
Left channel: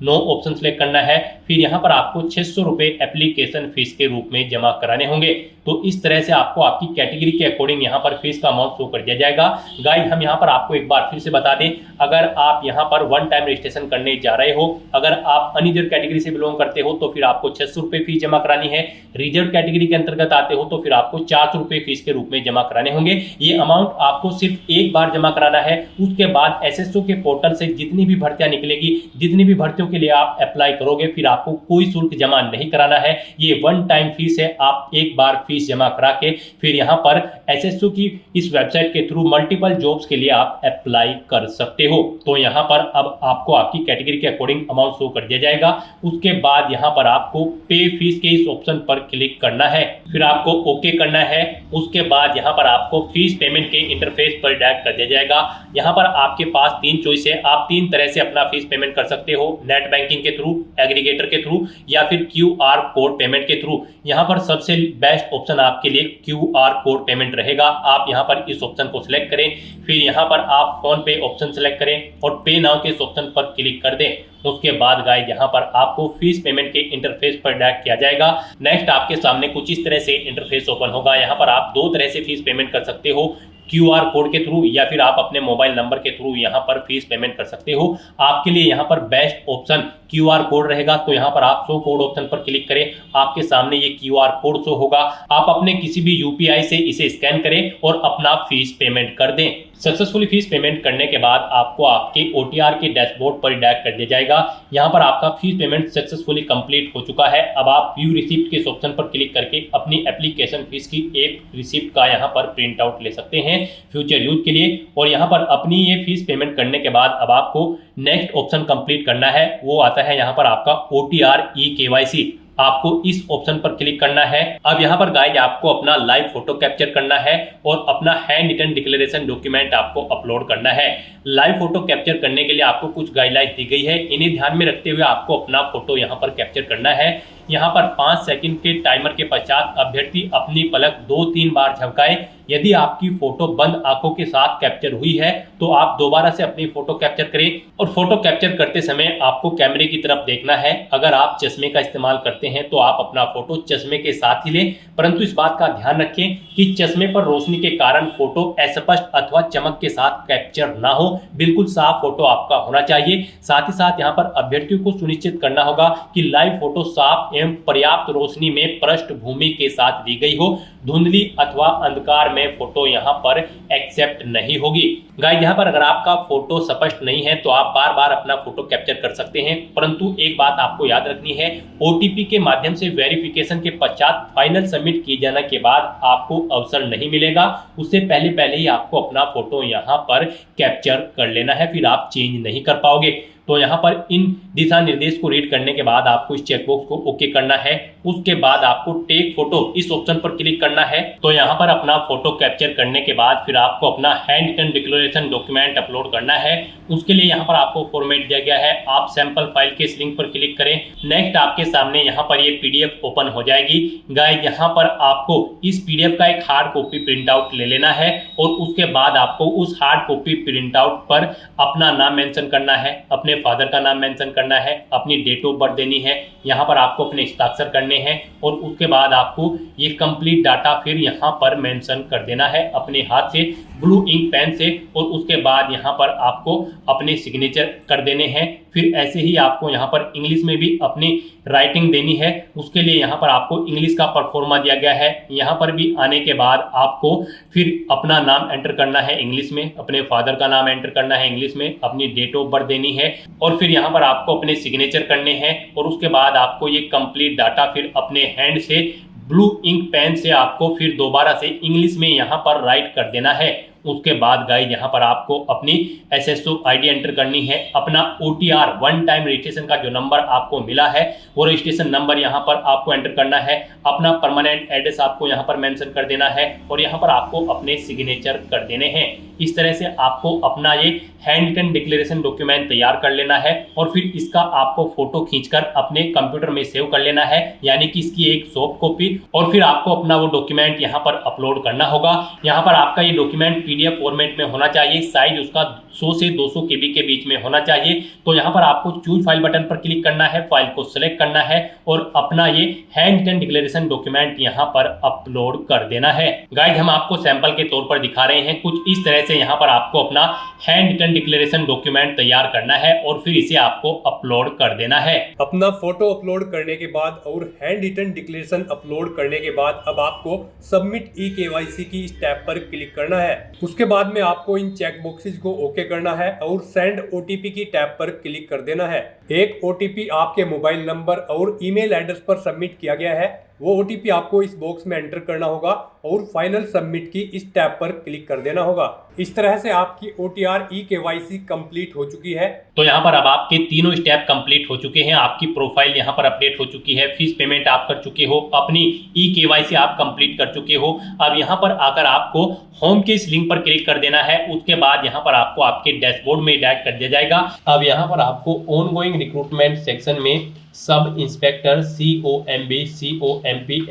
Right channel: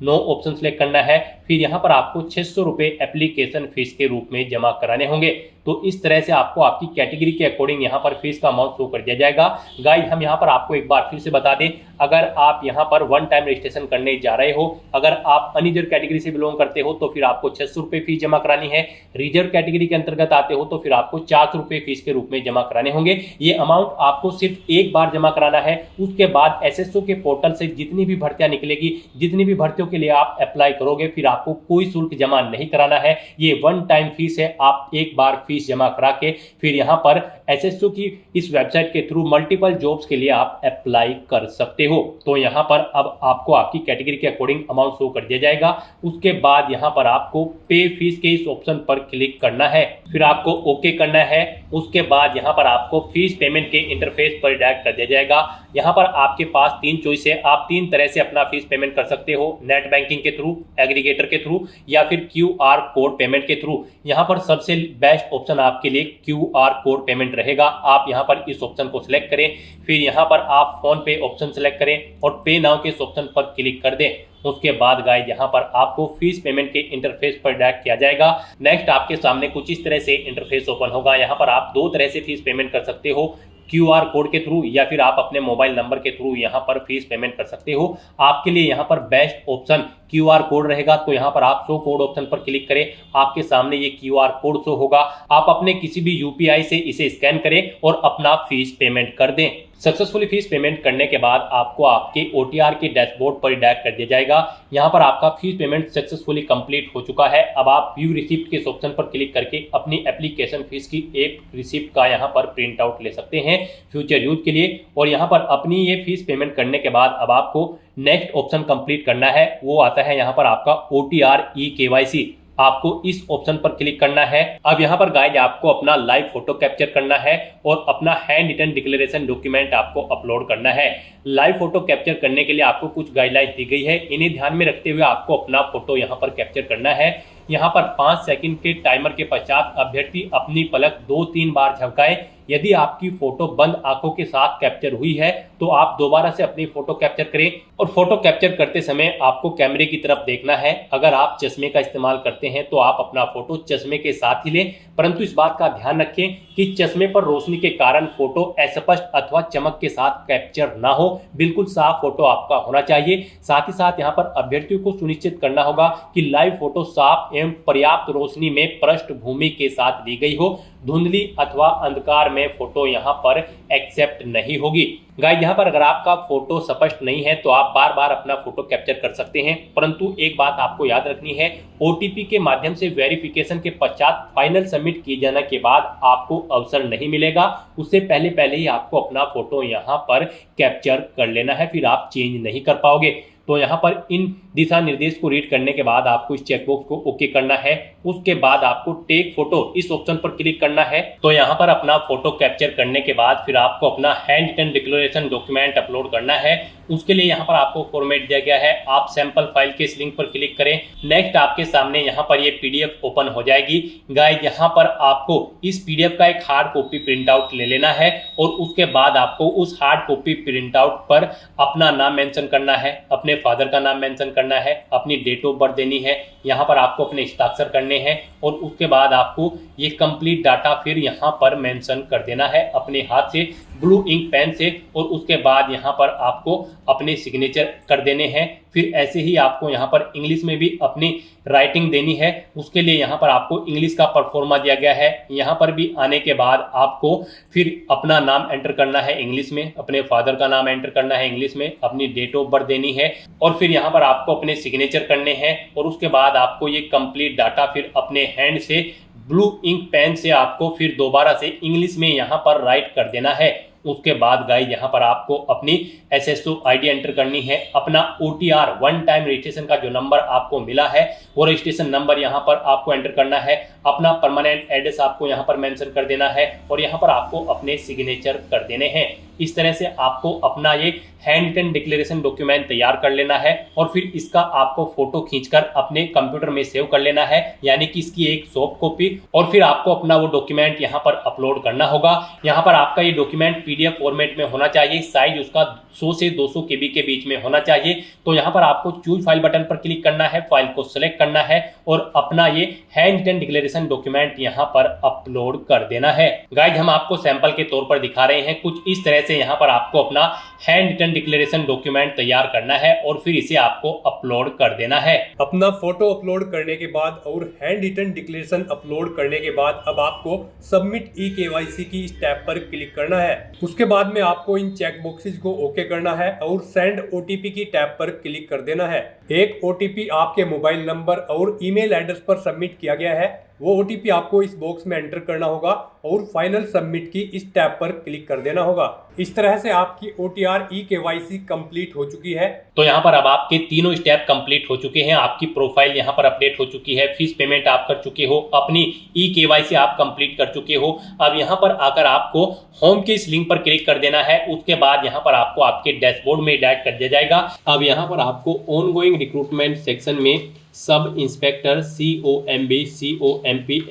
नो ऑप्शन सेलेक्ट करना है। फिर यहाँ पर आपको 600 रुपये एप्लीकेशन फीस के रूप में जमा कराने होंगे। तो इस तरह से आपको आपकी कैटेगरी के अकॉर्डिंग यहाँ पर फीस का अमाउंट शो कर दिया जाएगा। गाइस हम यहाँ पर आपको एक बार फिर से बता दें, अगर आप यहाँ पर वन टाइम रजिस्ट्रेशन करने जा रहे हो, अगर आप अनरिजर्व कैटेगरी से बिलोंग करते हो तो फिर आपको 600 रुपये फीस जमा करानी है। रिजर्व कैटेगरी के अंतर्गत आते हो तो फिर आपको 400 रुपये फीस के रूप में जमा कराने होंगे। ये अमाउंट आपको सिर्फ एक बार जमा कराना है। उसके बाद SSO के पोर्टल से जितनी भी भर्तियां निकलेगी, जितनी भी भर्तियों के लिए आप अप्लाई करोगे, फिर आपको कोई शुल्क जमा नहीं कराना है। ये वन टाइम फीस है, आप एक बार फीस जमा करा के फिर यहाँ पर एसएससी की इस वेबसाइट के थ्रू मल्टीपल जॉब्स के लिए आप अप्लाई कर सकते हो। तो यहाँ पर अब आपको आपकी कैटेगरी के अकॉर्डिंग अमाउंट शो कर दिया जाएगा। उसके बाद यहाँ पर आपको पे फीस के इस ऑप्शन पर क्लिक करना है, फिर आपको ओके करना है। उसके बाद यहाँ पर आपको फीस पेमेंट के इंटरफेस पर डायरेक्ट कर दिया जाएगा। यहाँ पर आपके पास 3 चॉइस है, आप 3 तरह से अपना फीस पेमेंट कर सकते हो, नेट बैंकिंग के थ्रू, एग्रीगेटर के थ्रू या फिर QR कोड पेमेंट के थ्रू। यहाँ पर सबसे बेस्ट ऑप्शन आपके लिए QR कोड पेमेंट रहेगा। आप यहाँ पर इस ऑप्शन को सिलेक्ट करें, फिर यहाँ पर आप फोन पे ऑप्शन सिलेक्ट करें और पे नाउ के इस ऑप्शन पर क्लिक कर दें। उसके बाद गाइस यहाँ पर आपको फीस पेमेंट के इंटरफेस पर डायरेक्ट किया जाएगा। नेक्स्ट आपके सामने कुछ इस तरह से इंटरफेस ओपन होगा। यहाँ पर आप 2 तरह से फीस पेमेंट कर सकते हो, QR कोड के थ्रू या फिर आप अपने मोबाइल नंबर के थ्रू यहाँ पर फीस पेमेंट कर सकते हो। आपके लिए यहाँ पर बेस्ट ऑप्शन QR कोड रहेगा। तो यहाँ पर आप शो कोड ऑप्शन पर क्लिक करें, आपके सामने ये QR कोड शो होगा। आप अपने किसी भी UPI से इसे स्कैन करें और अपना फीस पेमेंट कर दें। सक्सेसफुली फीस पेमेंट करने के बाद आपको आपके OTR के डैशबोर्ड पर डायरेक्ट कर दिया जाएगा। यहाँ पर आपका फीस पेमेंट सक्सेसफुली कंप्लीट हो चुका है। अब आप व्यू रिसिप्ट के इस ऑप्शन पर क्लिक करके अपनी एप्लीकेशन फीस की एक रिसिप्ट का यहाँ पर प्रिंट आउट ले सकते हैं फ्यूचर यूज के लिए। और यहाँ पर अपनी ये फीस पेमेंट करने के बाद अब आपको नेक्स्ट ऑप्शन कंप्लीट करना है, वो आता है यहाँ पर आपका OTR eKYC। आपको इस ऑप्शन पर क्लिक करना है। अब यहाँ पर गाइस आपको अपना लाइव फोटो कैप्चर करना है और अपना हैंड रिटन डिक्लेरेशन डॉक्यूमेंट आपको अपलोड करना है। लाइव फोटो कैप्चर करने के लिए आपको कुछ गाइडलाइंस दी गई है, इन्हें ध्यान में रखते हुए आपको अपना फोटो यहाँ पर कैप्चर करना है। यहाँ पर 5 सेकंड के टाइमर के पश्चात अभ्यर्थी अपनी पलक 2-3 बार झपकाए। यदि आपकी फोटो बंद आंखों के साथ कैप्चर हुई है तो आप दोबारा से अपनी फोटो कैप्चर करें और फोटो कैप्चर करते समय आपको कैमरे की तरफ देखना है। अगर आप चश्मे का इस्तेमाल करते हैं तो आप अपना फोटो चश्मे के साथ ही लें, परंतु इस बात का ध्यान रखें कि चश्मे पर रोशनी के कारण फोटो अस्पष्ट अथवा चमक के साथ कैप्चर ना हो। बिल्कुल साफ फोटो आपका होना चाहिए। साथ ही साथ यहाँ पर अभ्यर्थियों को सुनिश्चित करना होगा कि लाइव फोटो साफ एवं पर्याप्त रोशनी में पृष्ठभूमि के साथ ली गई हो। धुंधली अथवा अंधकार में फोटो यहाँ पर एक्सेप्ट नहीं होगी। गाइस यहाँ पर अगर आपका फोटो स्पष्ट नहीं है तो आप बार बार अपना फोटो कैप्चर कर सकते हैं, परंतु एक बात आपको याद रखनी है, OTP के माध्यम से वेरिफिकेशन के पश्चात फाइनल सबमिट किए जाने के बाद आपको अवसर नहीं मिलेगा। उससे पहले ही आपको अपना फोटो यहाँ पर कैप्चर कर लेना है, फिर आप चेंज नहीं कर पाओगे। तो यहाँ पर इन दिशा निर्देश को रीड करने के बाद आपको इस चेकबॉक्स को ओके करना है। उसके बाद आपको टेक फोटो इस ऑप्शन पर क्लिक करना है। तो यहाँ पर अपना फोटो कैप्चर करने के बाद फिर आपको अपना handwritten declaration document upload करना है। उसके लिए यहाँ पर आपको फॉर्मेट दिया गया है, आप सैंपल फाइल के इस लिंक पर क्लिक करें। नेक्स्ट आपके सामने यहाँ पर ये PDF ओपन हो जाएगी। गाइस यहाँ पर आपको इस PDF का एक हार्ड कॉपी प्रिंट आउट ले लेना है और उसके बाद आपको उस हार्ड कॉपी प्रिंट आउट पर अपना नाम मेंशन करना है, अपने फादर का नाम मेंशन करना है, अपनी डेट ऑफ बर्थ देनी है, यहाँ पर आपको अपने हस्ताक्षर करने हैं और उसके बाद आपको ये कंप्लीट डाटा फिर यहाँ पर मेंशन कर देना है अपने हाथ से ब्लू इंक पेन से। और उसके बाद यहाँ पर आपको अपने सिग्नेचर कर देने हैं। फिर ऐसे ही आपको यहाँ पर इंग्लिश में भी अपनी राइटिंग देनी है। उसके लिए यहाँ पर आपको इंग्लिश का परफॉर्मा दिया गया है। यहाँ पर भी आने के बाद आपको फिर अपना नाम एंटर करना है इंग्लिश में, अपने फादर का नाम एंटर करना है इंग्लिश में, अपनी डेट ऑफ बर्थ देनी है और फिर यहाँ पर आपको अपने सिग्नेचर करने हैं। और उसके बाद आपको ये कंप्लीट डाटा फिर अपने हैंड से ब्लू इंक पेन से आपको फिर दोबारा से इंग्लिश में यहाँ पर राइट कर देना है। उसके बाद गाइस यहाँ पर आपको अपनी SSO ID एंटर करनी है, अपना OTR वन टाइम रजिस्ट्रेशन का जो नंबर आपको मिला है वो रजिस्ट्रेशन नंबर यहाँ पर आपको एंटर करना है, अपना परमानेंट एड्रेस आपको यहाँ पर मेंशन कर देना है और यहाँ पर आपको अपने सिग्नेचर कर देने हैं। इस तरह से आपको अपना ये हैंड रिटन डिक्लेरेशन डॉक्यूमेंट तैयार कर लेना है और फिर इसका आपको फोटो खींचकर अपने कंप्यूटर में सेव कर लेना है, यानी कि इसकी एक सॉफ्ट कॉपी। और फिर आपको अपना वो डॉक्यूमेंट यहाँ पर अपलोड करना होगा। यहाँ पर आपका ये डॉक्यूमेंट PDF फॉर्मेट में होना चाहिए, साइज उसका 100 से 200 KB के बीच में होना चाहिए। तो यहाँ पर आपको चूज फाइल बटन पर क्लिक करना है, फाइल को सिलेक्ट करना है और अपना ये हैंड रिटन डिक्लेरेशन डॉक्यूमेंट यहाँ पर अपलोड कर देना है। गाइस हम आपको सैंपल के तौर पर दिखा रहे हैं, कुछ इस तरह से यहाँ पर आपको अपना हैंड रिटन डिक्लेरेशन डॉक्यूमेंट तैयार करना है और फिर इसे आपको अपलोड कर देना है। अपना फोटो अपलोड करने के बाद और हैंड रिटन डिक्लेरेशन अपलोड करने के बाद अब आपको सबमिट eKYC की स्टेप पर क्लिक करना है। उसके बाद में आपको इन चेक बॉक्सेस को ओके करना है और सेंड ओटीपी की टैब पर क्लिक कर देना है। एक ओटीपी आपके मोबाइल नंबर और ईमेल एड्रेस पर सबमिट किया गया है, वो ओटीपी आपको इस बॉक्स में एंटर करना होगा और फाइनल सबमिट की इस टैब पर क्लिक कर देना होगा। इस तरह से आपकी OTR eKYC कंप्लीट हो चुकी है। तो यहाँ पर अब आपके तीनों स्टेप कंप्लीट हो चुके हैं, आपकी प्रोफाइल यहाँ पर अपडेट हो चुकी है, फीस पेमेंट आप कर चुके हो, अपनी eKYC आप कंप्लीट कर चुके हो। अब यहाँ पर आकर आपको होम के इस लिंक पर क्लिक कर देना है। उसके बाद यहाँ पर आपको आपके डैशबोर्ड में डायरेक्ट कर दिया जाएगा। अब यहाँ पर आपको ऑनगोइंग रिक्रूटमेंट सेक्शन में sub inspector COMB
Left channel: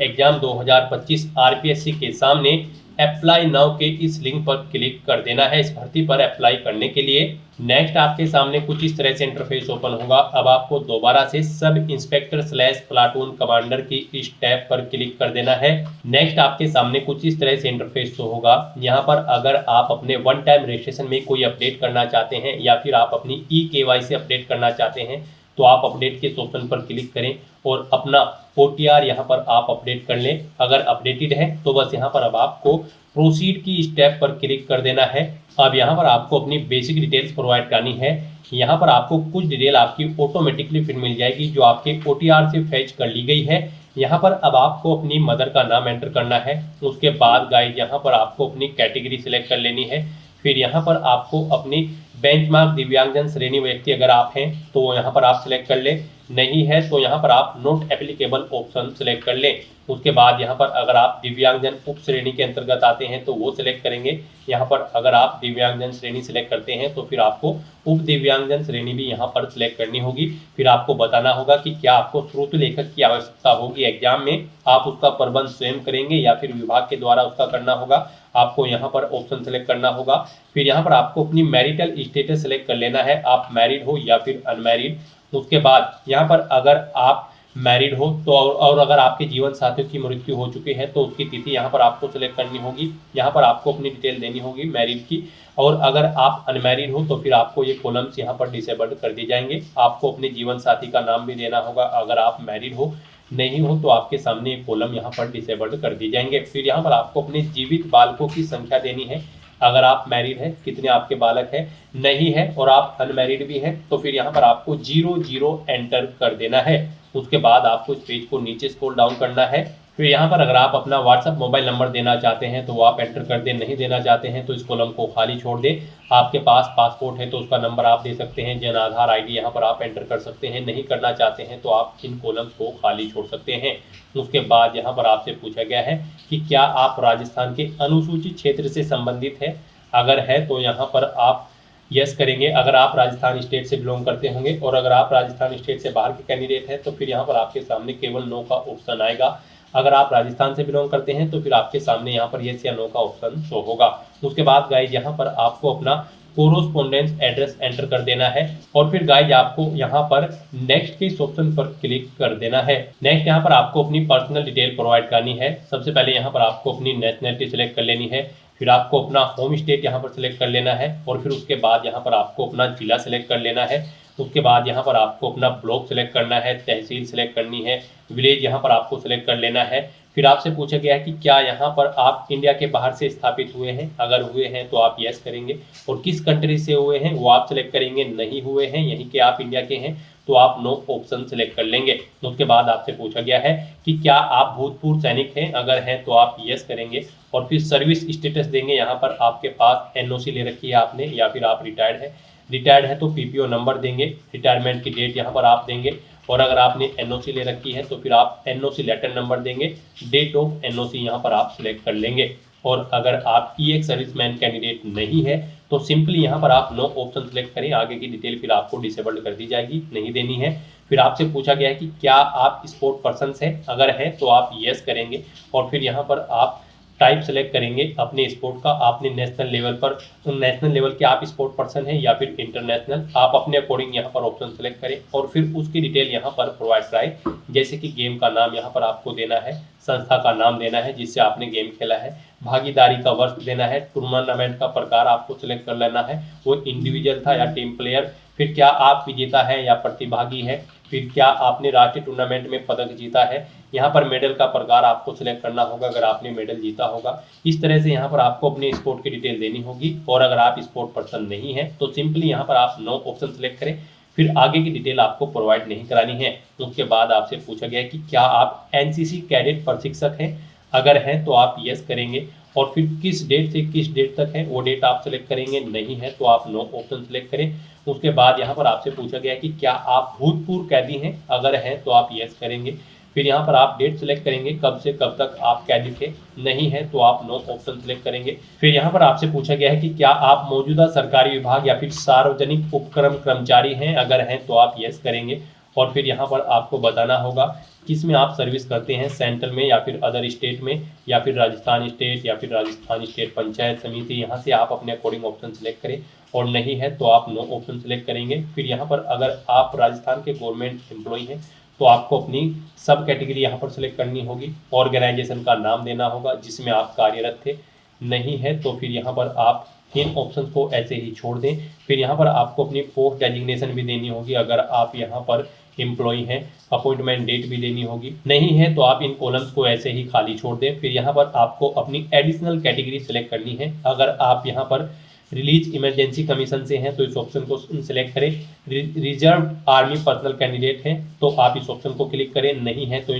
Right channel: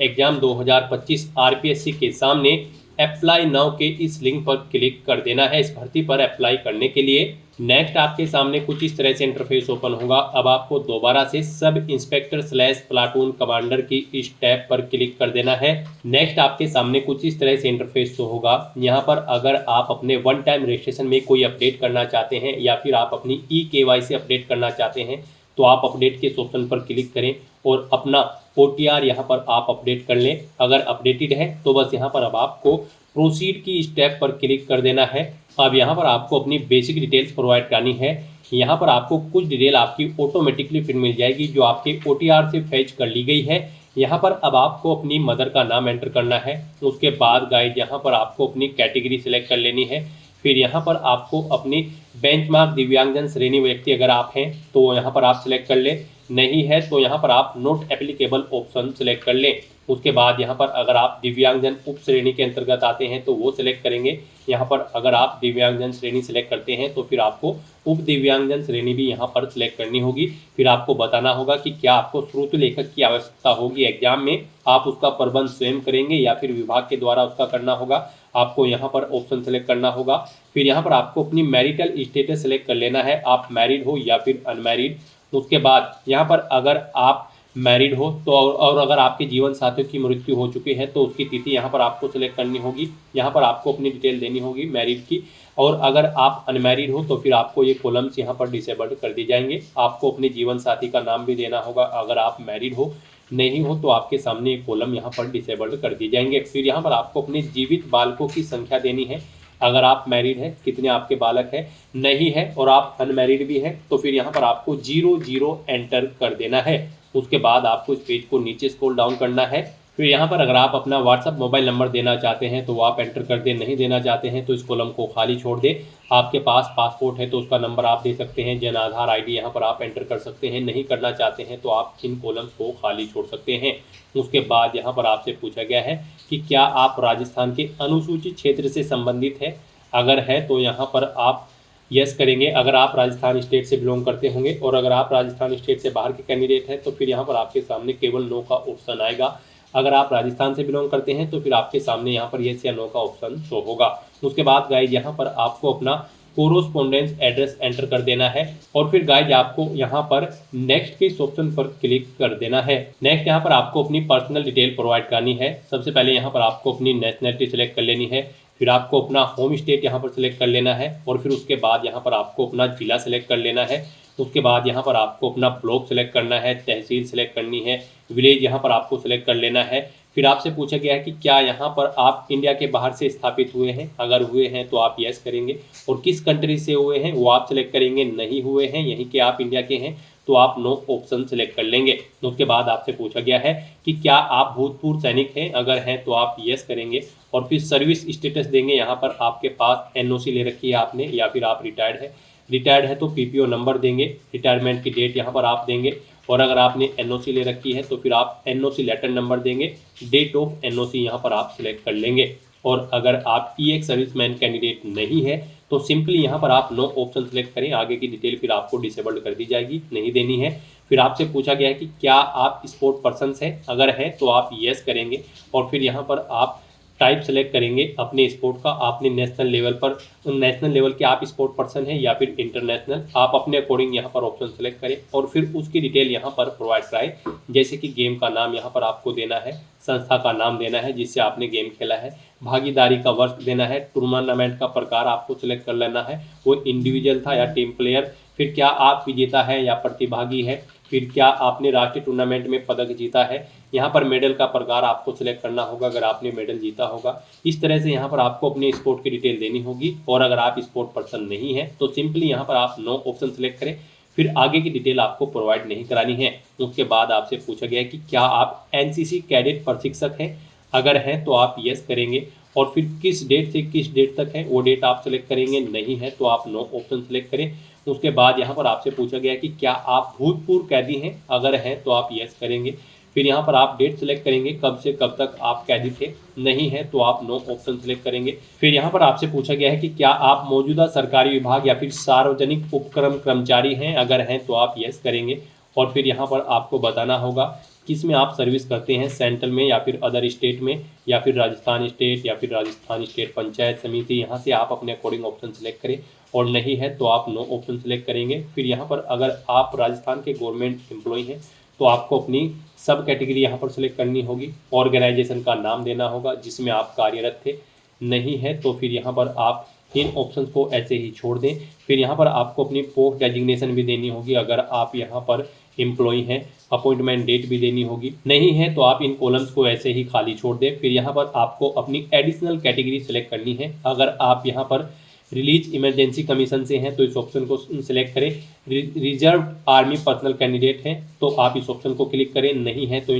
exam 2025 RPSC के सामने अप्लाई नाउ के इस लिंक पर क्लिक कर देना है इस भर्ती पर अप्लाई करने के लिए। नेक्स्ट आपके सामने कुछ इस तरह से इंटरफेस ओपन होगा। अब आपको दोबारा से सब इंस्पेक्टर / प्लाटून कमांडर की इस टैब पर क्लिक कर देना है। नेक्स्ट आपके सामने कुछ इस तरह से इंटरफेस शो होगा। यहाँ पर अगर आप अपने वन टाइम रजिस्ट्रेशन में कोई अपडेट करना चाहते हैं या फिर आप अपनी eKYC अपडेट करना चाहते हैं तो आप अपडेट के ऑप्शन पर क्लिक करें और अपना OTR यहाँ पर आप अपडेट कर लें। अगर अपडेटेड है तो बस यहाँ पर अब आपको प्रोसीड की स्टेप पर क्लिक कर देना है। अब यहाँ पर आपको अपनी बेसिक डिटेल्स प्रोवाइड करनी है। यहाँ पर आपको कुछ डिटेल आपकी ऑटोमेटिकली फिर मिल जाएगी जो आपके OTR से फैच कर ली गई है। यहाँ पर अब आपको अपनी मदर का नाम एंटर करना है। उसके बाद गाइड यहाँ पर आपको अपनी कैटेगरी सिलेक्ट कर लेनी है। फिर यहाँ पर आपको अपनी बेंचमार्क दिव्यांगजन श्रेणी व्यक्ति अगर आप हैं तो यहाँ पर आप सिलेक्ट कर लें, नहीं है तो यहाँ पर आप नॉट एप्लीकेबल ऑप्शन सिलेक्ट कर लें। उसके बाद यहाँ पर अगर आप दिव्यांगजन उप श्रेणी के अंतर्गत आते हैं तो वो सिलेक्ट करेंगे। यहाँ पर अगर आप दिव्यांगजन श्रेणी सिलेक्ट करते हैं तो फिर आपको उप दिव्यांगजन श्रेणी भी यहाँ पर सिलेक्ट करनी होगी। फिर आपको बताना होगा कि क्या आपको श्रोत लेखक की आवश्यकता होगी एग्जाम में, आप उसका प्रबंध स्वयं करेंगे या फिर विभाग के द्वारा उसका करना होगा। आपको यहाँ पर ऑप्शन सेलेक्ट करना होगा। फिर यहाँ पर आपको अपनी मैरिटल स्टेटस सेलेक्ट कर लेना है, आप मैरिड हो या फिर अनमैरिड। उसके बाद यहाँ पर अगर आप मैरिड हो तो और अगर आपके जीवन साथियों की मृत्यु हो चुकी है तो उसकी तिथि यहाँ पर आपको सिलेक्ट करनी होगी। यहाँ पर आपको अपनी डिटेल देनी होगी मैरिड की। और अगर आप अनमैरिड हो तो फिर आपको ये कॉलम्स यहाँ पर डिसेबल्ड कर दिए जाएंगे। आपको अपने जीवन साथी का नाम भी देना होगा अगर आप मैरिड हो, नहीं हो तो आपके सामने एक कॉलम यहाँ पर डिसेबल्ड कर दिए जाएंगे। फिर यहाँ पर आपको अपने जीवित बालकों की संख्या देनी है। अगर आप मैरिड हैं कितने आपके बालक हैं, नहीं है और आप अनमैरिड भी हैं तो फिर यहाँ पर आपको 00 एंटर कर देना है। उसके बाद आपको इस पेज को नीचे स्क्रॉल डाउन करना है। फिर यहाँ पर अगर आप अपना व्हाट्सअप मोबाइल नंबर देना चाहते हैं तो वो आप एंटर कर दें, नहीं देना चाहते हैं तो इस कॉलम को खाली छोड़ दें। आपके पास पासपोर्ट है तो उसका नंबर आप दे सकते हैं, जन आधार ID यहाँ पर आप एंटर कर सकते हैं। नहीं करना चाहते हैं तो आप इन कॉलम्स को खाली छोड़ सकते हैं। उसके बाद यहाँ पर आपसे पूछा गया है कि क्या आप राजस्थान के अनुसूचित क्षेत्र से संबंधित है, अगर है तो यहाँ पर आप यस करेंगे अगर आप राजस्थान स्टेट से बिलोंग करते होंगे, और अगर आप राजस्थान स्टेट से बाहर के कैंडिडेट हैं तो फिर यहाँ पर आपके सामने केवल नो का ऑप्शन आएगा। अगर आप राजस्थान से बिलोंग करते हैं तो फिर आपके सामने यहाँ पर यस या नो का ऑप्शन शो होगा। उसके बाद गाइज यहाँ पर आपको अपना कोरोस्पोंडेंस एड्रेस एंटर कर देना है और फिर गाइज आपको यहाँ पर नेक्स्ट के इस ऑप्शन पर क्लिक कर देना है। नेक्स्ट यहाँ पर आपको अपनी पर्सनल डिटेल प्रोवाइड करनी है। सबसे पहले यहाँ पर आपको अपनी नेशनलिटी सिलेक्ट कर लेनी है। फिर आपको अपना होम स्टेट यहाँ पर सिलेक्ट कर लेना है और फिर उसके बाद यहाँ पर आपको अपना जिला सिलेक्ट कर लेना है। उसके बाद यहाँ पर आपको अपना ब्लॉक सिलेक्ट करना है, तहसील सिलेक्ट करनी है, विलेज यहाँ पर आपको सिलेक्ट कर लेना है। फिर आपसे पूछा गया है कि क्या यहाँ पर आप इंडिया के बाहर से स्थापित हुए हैं, अगर हुए हैं तो आप यस करेंगे, और किस कंट्री से हुए हैं वो आप सिलेक्ट करेंगे, नहीं हुए हैं यहीं के आप इंडिया के हैं तो आप नो ऑप्शन सिलेक्ट कर लेंगे। उसके बाद आपसे पूछा गया है कि क्या आप भूतपूर्व सैनिक हैं, अगर हैं तो आप यस करेंगे, और फिर सर्विस स्टेटस देंगे। यहाँ पर आपके पास NOC ले रखी है आपने या फिर आप रिटायर्ड है, रिटायर्ड है तो PPO नंबर देंगे, रिटायरमेंट की डेट यहाँ पर आप देंगे, और अगर आपने NOC ले रखी है तो फिर आप NOC लेटर नंबर देंगे, डेट ऑफ NOC यहाँ पर आप सिलेक्ट कर लेंगे। और अगर आप EX सर्विसमैन कैंडिडेट नहीं है तो सिंपली यहाँ पर आप नो ऑप्शन सेलेक्ट करें, आगे की डिटेल फिर आपको डिसेबल्ड कर दी जाएगी, नहीं देनी है। फिर आपसे पूछा गया है कि क्या आप स्पोर्ट पर्सन हैं, अगर हैं तो आप यस करेंगे, और फिर यहाँ पर आप टाइप सेलेक्ट करेंगे अपने स्पोर्ट का, आपने नेशनल लेवल पर नेशनल लेवल के आप स्पोर्ट पर्सन हैं या फिर इंटरनेशनल, आप अपने अकॉर्डिंग यहाँ पर ऑप्शन सेलेक्ट करें और फिर उसकी डिटेल यहाँ पर प्रोवाइड कराएं। जैसे कि गेम का नाम यहाँ पर आपको देना है, संस्था का नाम देना है जिससे आपने गेम खेला है, भागीदारी का वर्ष देना है, टूर्नामेंट का प्रकार आपको सिलेक्ट कर लेना है, वो इंडिविजुअल था या टीम प्लेयर, फिर क्या आप विजेता है या प्रतिभागी है, फिर क्या आपने राष्ट्रीय टूर्नामेंट में पदक जीता है। यहाँ पर मेडल का प्रकार आपको सिलेक्ट करना होगा अगर आपने मेडल जीता होगा। इस तरह से यहाँ पर आपको अपने स्पोर्ट की डिटेल देनी होगी, और अगर आप स्पोर्ट पर्सन नहीं है तो सिंपली यहाँ पर आप नो ऑप्शन सेलेक्ट करें, फिर आगे की डिटेल आपको प्रोवाइड नहीं करानी है। उसके बाद आपसे पूछा गया है कि क्या आप एनसीसी कैडेट प्रशिक्षक हैं, अगर हैं तो आप यस करेंगे, और फिर किस डेट से किस डेट तक है वो डेट आप सेलेक्ट करेंगे, नहीं है तो आप नो ऑप्शन सेलेक्ट करें। उसके बाद यहाँ पर आपसे पूछा गया है कि क्या आप भूतपूर्व कैदी हैं, अगर हैं तो आप यस करेंगे, फिर यहाँ पर आप डेट सेलेक्ट करेंगे कब से कब तक आप कैदी थे, नहीं है तो आप नो ऑप्शन सेलेक्ट करेंगे। फिर यहाँ पर आपसे पूछा गया है कि क्या आप मौजूदा सरकारी विभाग या फिर सार्वजनिक उपक्रम कर्मचारी हैं, अगर हैं तो आप यस करेंगे, और फिर यहाँ पर आपको बताना होगा किस में आप सर्विस करते हैं, सेंट्रल में या फिर अदर स्टेट में, या फिर राजस्थान स्टेट या फिर राजस्थान स्टेट पंचायत समिति। यहाँ से आप अपने अकॉर्डिंग ऑप्शन सेलेक्ट करें, और नहीं है तो आप नो ऑप्शन सेलेक्ट करेंगे। फिर यहाँ पर अगर आप राजस्थान के गवर्नमेंट एम्प्लॉय हैं तो आपको अपनी सब कैटेगरी यहाँ पर सेलेक्ट करनी होगी, ऑर्गेनाइजेशन का नाम देना होगा जिसमें आप कार्यरत थे, नहीं है तो फिर यहाँ पर आप इन ऑप्शन को ऐसे ही छोड़ दें। फिर यहाँ पर आपको अपनी पोस्ट डेजिग्नेशन भी देनी होगी, अगर आप यहाँ पर एम्प्लॉय हैं, अपॉइंटमेंट डेट भी देनी होगी, नहीं है तो आप इन कॉलम्स को ऐसे ही खाली छोड़ दें। फिर यहाँ पर आपको अपनी एडिशनल कैटेगरी सेलेक्ट करनी है, अगर आप यहाँ पर रिलीज इमरजेंसी कमीशन से हैं तो इस ऑप्शन को सिलेक्ट करें, रिजर्व आर्मी पर्सनल कैंडिडेट हैं तो आप इस ऑप्शन को क्लिक करें, नहीं है तो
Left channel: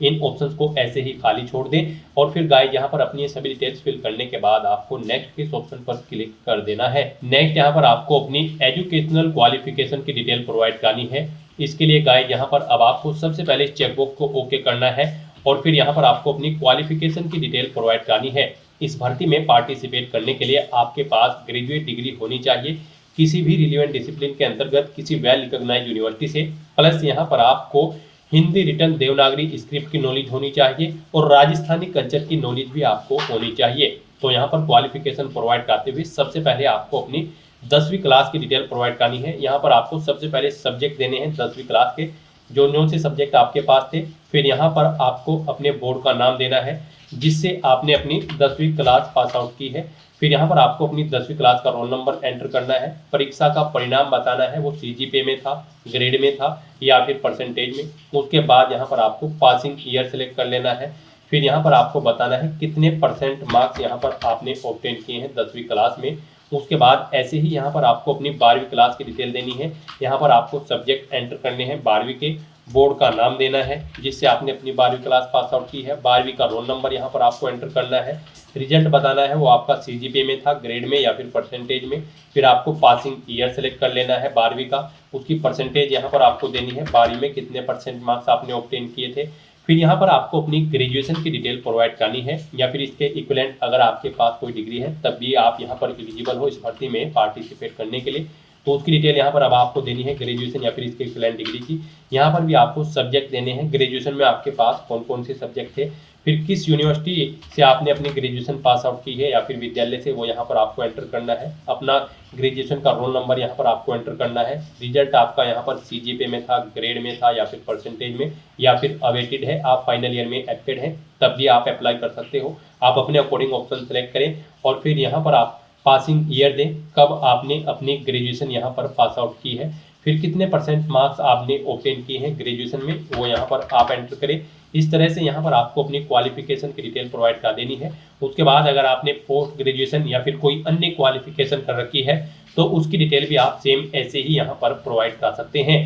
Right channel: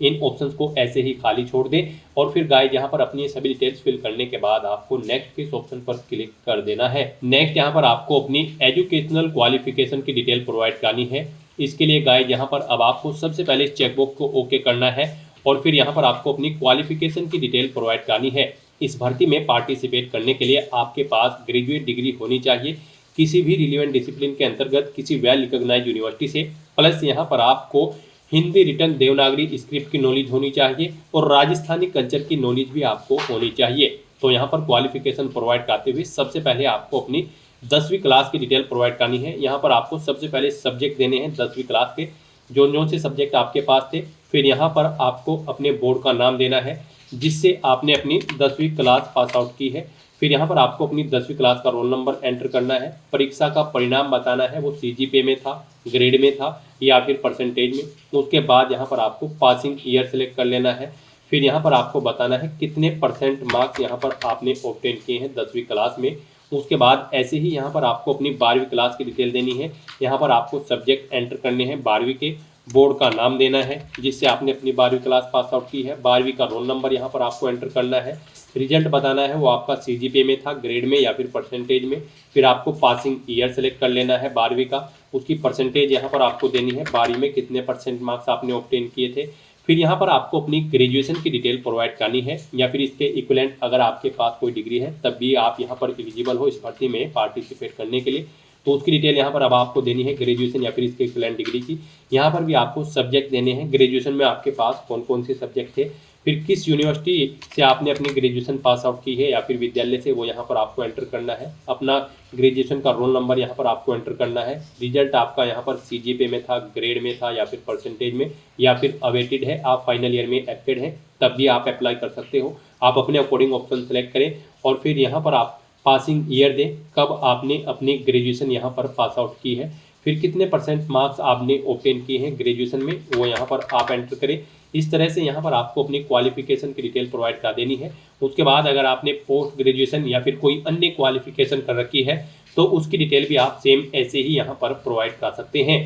इन ऑप्शंस को ऐसे ही खाली छोड़ दें। और फिर गाइस यहाँ पर अपनी सभी डिटेल्स फिल करने के बाद आपको नेक्स्ट के इस ऑप्शन पर क्लिक कर देना है। नेक्स्ट यहाँ पर आपको अपनी एजुकेशनल क्वालिफिकेशन की डिटेल प्रोवाइड करनी है। इसके लिए गाइस यहाँ पर अब आपको सबसे पहले इस चेकबॉक्स को ओके करना है, और फिर यहाँ पर आपको अपनी क्वालिफिकेशन की डिटेल प्रोवाइड करनी है। इस भर्ती में पार्टिसिपेट करने के लिए आपके पास ग्रेजुएट डिग्री होनी चाहिए किसी भी रिलेवेंट डिसिप्लिन के अंतर्गत किसी वेल रिकॉग्नाइज्ड यूनिवर्सिटी से, प्लस यहाँ पर आपको हिंदी रिटर्न देवनागरी स्क्रिप्ट की नॉलेज होनी चाहिए, और राजस्थानी कल्चर की नॉलेज भी आपको होनी चाहिए। तो यहाँ पर क्वालिफिकेशन प्रोवाइड करते हुए सबसे पहले आपको अपनी 10वीं क्लास की डिटेल प्रोवाइड करनी है। यहाँ पर आपको सबसे पहले सब्जेक्ट देने हैं 10वीं क्लास के, जो से सब्जेक्ट आपके पास थे। फिर यहाँ पर आपको अपने बोर्ड का नाम देना है जिससे आपने अपनी 10वीं क्लास पास आउट की है। फिर यहाँ पर आपको अपनी 10वीं क्लास का रोल नंबर एंटर करना है, परीक्षा का परिणाम बताना है, वो CGPA में था, ग्रेड में था या फिर परसेंटेज में। उसके बाद यहाँ पर आपको पासिंग ईयर सेलेक्ट कर लेना है। फिर यहाँ पर आपको बताना है कितने परसेंट मार्क्स यहाँ पर आपने ऑब्टेन किए हैं 10वीं क्लास में। उसके बाद ऐसे ही यहाँ पर आपको अपनी 12वीं क्लास की डिटेल देनी है। यहाँ पर आपको सब्जेक्ट एंटर करने हैं 12वीं के, बोर्ड का नाम देना है जिससे आपने अपनी 12वीं क्लास पास आउट की है, 12वीं का रोल नंबर यहाँ पर आपको एंटर करना है, रिजल्ट बताना है वो आपका CGPA में था, ग्रेड में या फिर परसेंटेज में। फिर आपको पासिंग ईयर सेलेक्ट कर लेना है 12वीं का, उसकी परसेंटेज यहाँ पर आपको देनी है, 12वीं में कितने परसेंट मार्क्स आपने ऑब्टेन किए थे। फिर यहाँ पर आपको अपनी ग्रेजुएशन की डिटेल प्रोवाइड करनी है, या फिर इसके इक्विवेलेंट अगर आपके पास कोई डिग्री है तब भी आप यहाँ पर एलिजिबल हो इस भर्ती में पार्टिसिपेट करने के लिए। तो उसकी डिटेल यहाँ पर अब आपको देनी है ग्रेजुएशन या फिर इसके इक्विवेलेंट डिग्री की। यहाँ पर भी आपको सब्जेक्ट देने हैं, ग्रेजुएशन में आपके पास कौन कौन से सब्जेक्ट थे, फिर किस यूनिवर्सिटी से आपने अपनी ग्रेजुएशन पास आउट की है या फिर विद्यालय से, वो यहाँ पर आपको एंटर करना है। अपना ग्रेजुएशन का रोल नंबर यहाँ पर आपको एंटर करना है, रिजल्ट आपका यहाँ पर CGPA में था, ग्रेड में था या फिर परसेंटेज में, या फिर अवेटेड है, आप फाइनल ईयर में एक्टेड हैं तब भी आप अप्लाई कर सकते हो। आप अपने अकॉर्डिंग ऑप्शन सेलेक्ट करें, और फिर यहाँ पर आप पासिंग ईयर दें, कब आपने अपनी ग्रेजुएशन यहाँ पर पास आउट की है, फिर कितने परसेंट मार्क्स आपने ऑब्टेन किए हैं ग्रेजुएशन में, वो यहाँ पर आप एंटर करें। इस तरह से यहाँ पर आपको अपनी क्वालिफिकेशन की डिटेल प्रोवाइड कर देनी है। उसके बाद अगर आपने पोस्ट ग्रेजुएशन या फिर कोई अन्य क्वालिफिकेशन कर रखी है तो उसकी डिटेल भी आप सेम ऐसे ही यहाँ पर प्रोवाइड कर सकते हैं।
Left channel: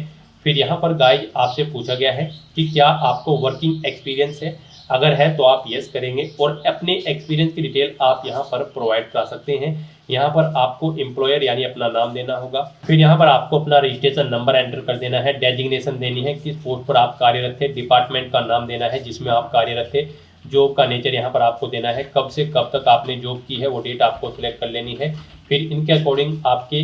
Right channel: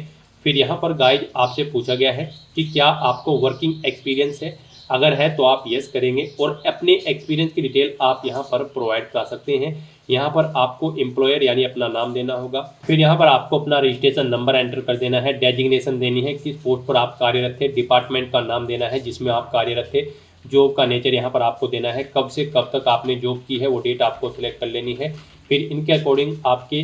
फिर यहाँ पर गाइज आपसे पूछा गया है कि क्या आपको वर्किंग एक्सपीरियंस है, अगर है तो आप यस करेंगे, और अपने एक्सपीरियंस की डिटेल आप यहाँ पर प्रोवाइड कर सकते हैं। यहाँ पर आपको एम्प्लॉयर यानी अपना नाम देना होगा, फिर यहाँ पर आपको अपना रजिस्ट्रेशन नंबर एंटर कर देना है, डेजिग्नेशन देनी है, किस पोस्ट पर आप कार्यरत थे, डिपार्टमेंट का नाम देना है जिसमें आप कार्यरत थे, जॉब का नेचर यहाँ पर आपको देना है, कब से कब तक आपने जॉब की है वो डेट आपको सिलेक्ट कर लेनी है। फिर इनके अकॉर्डिंग आपके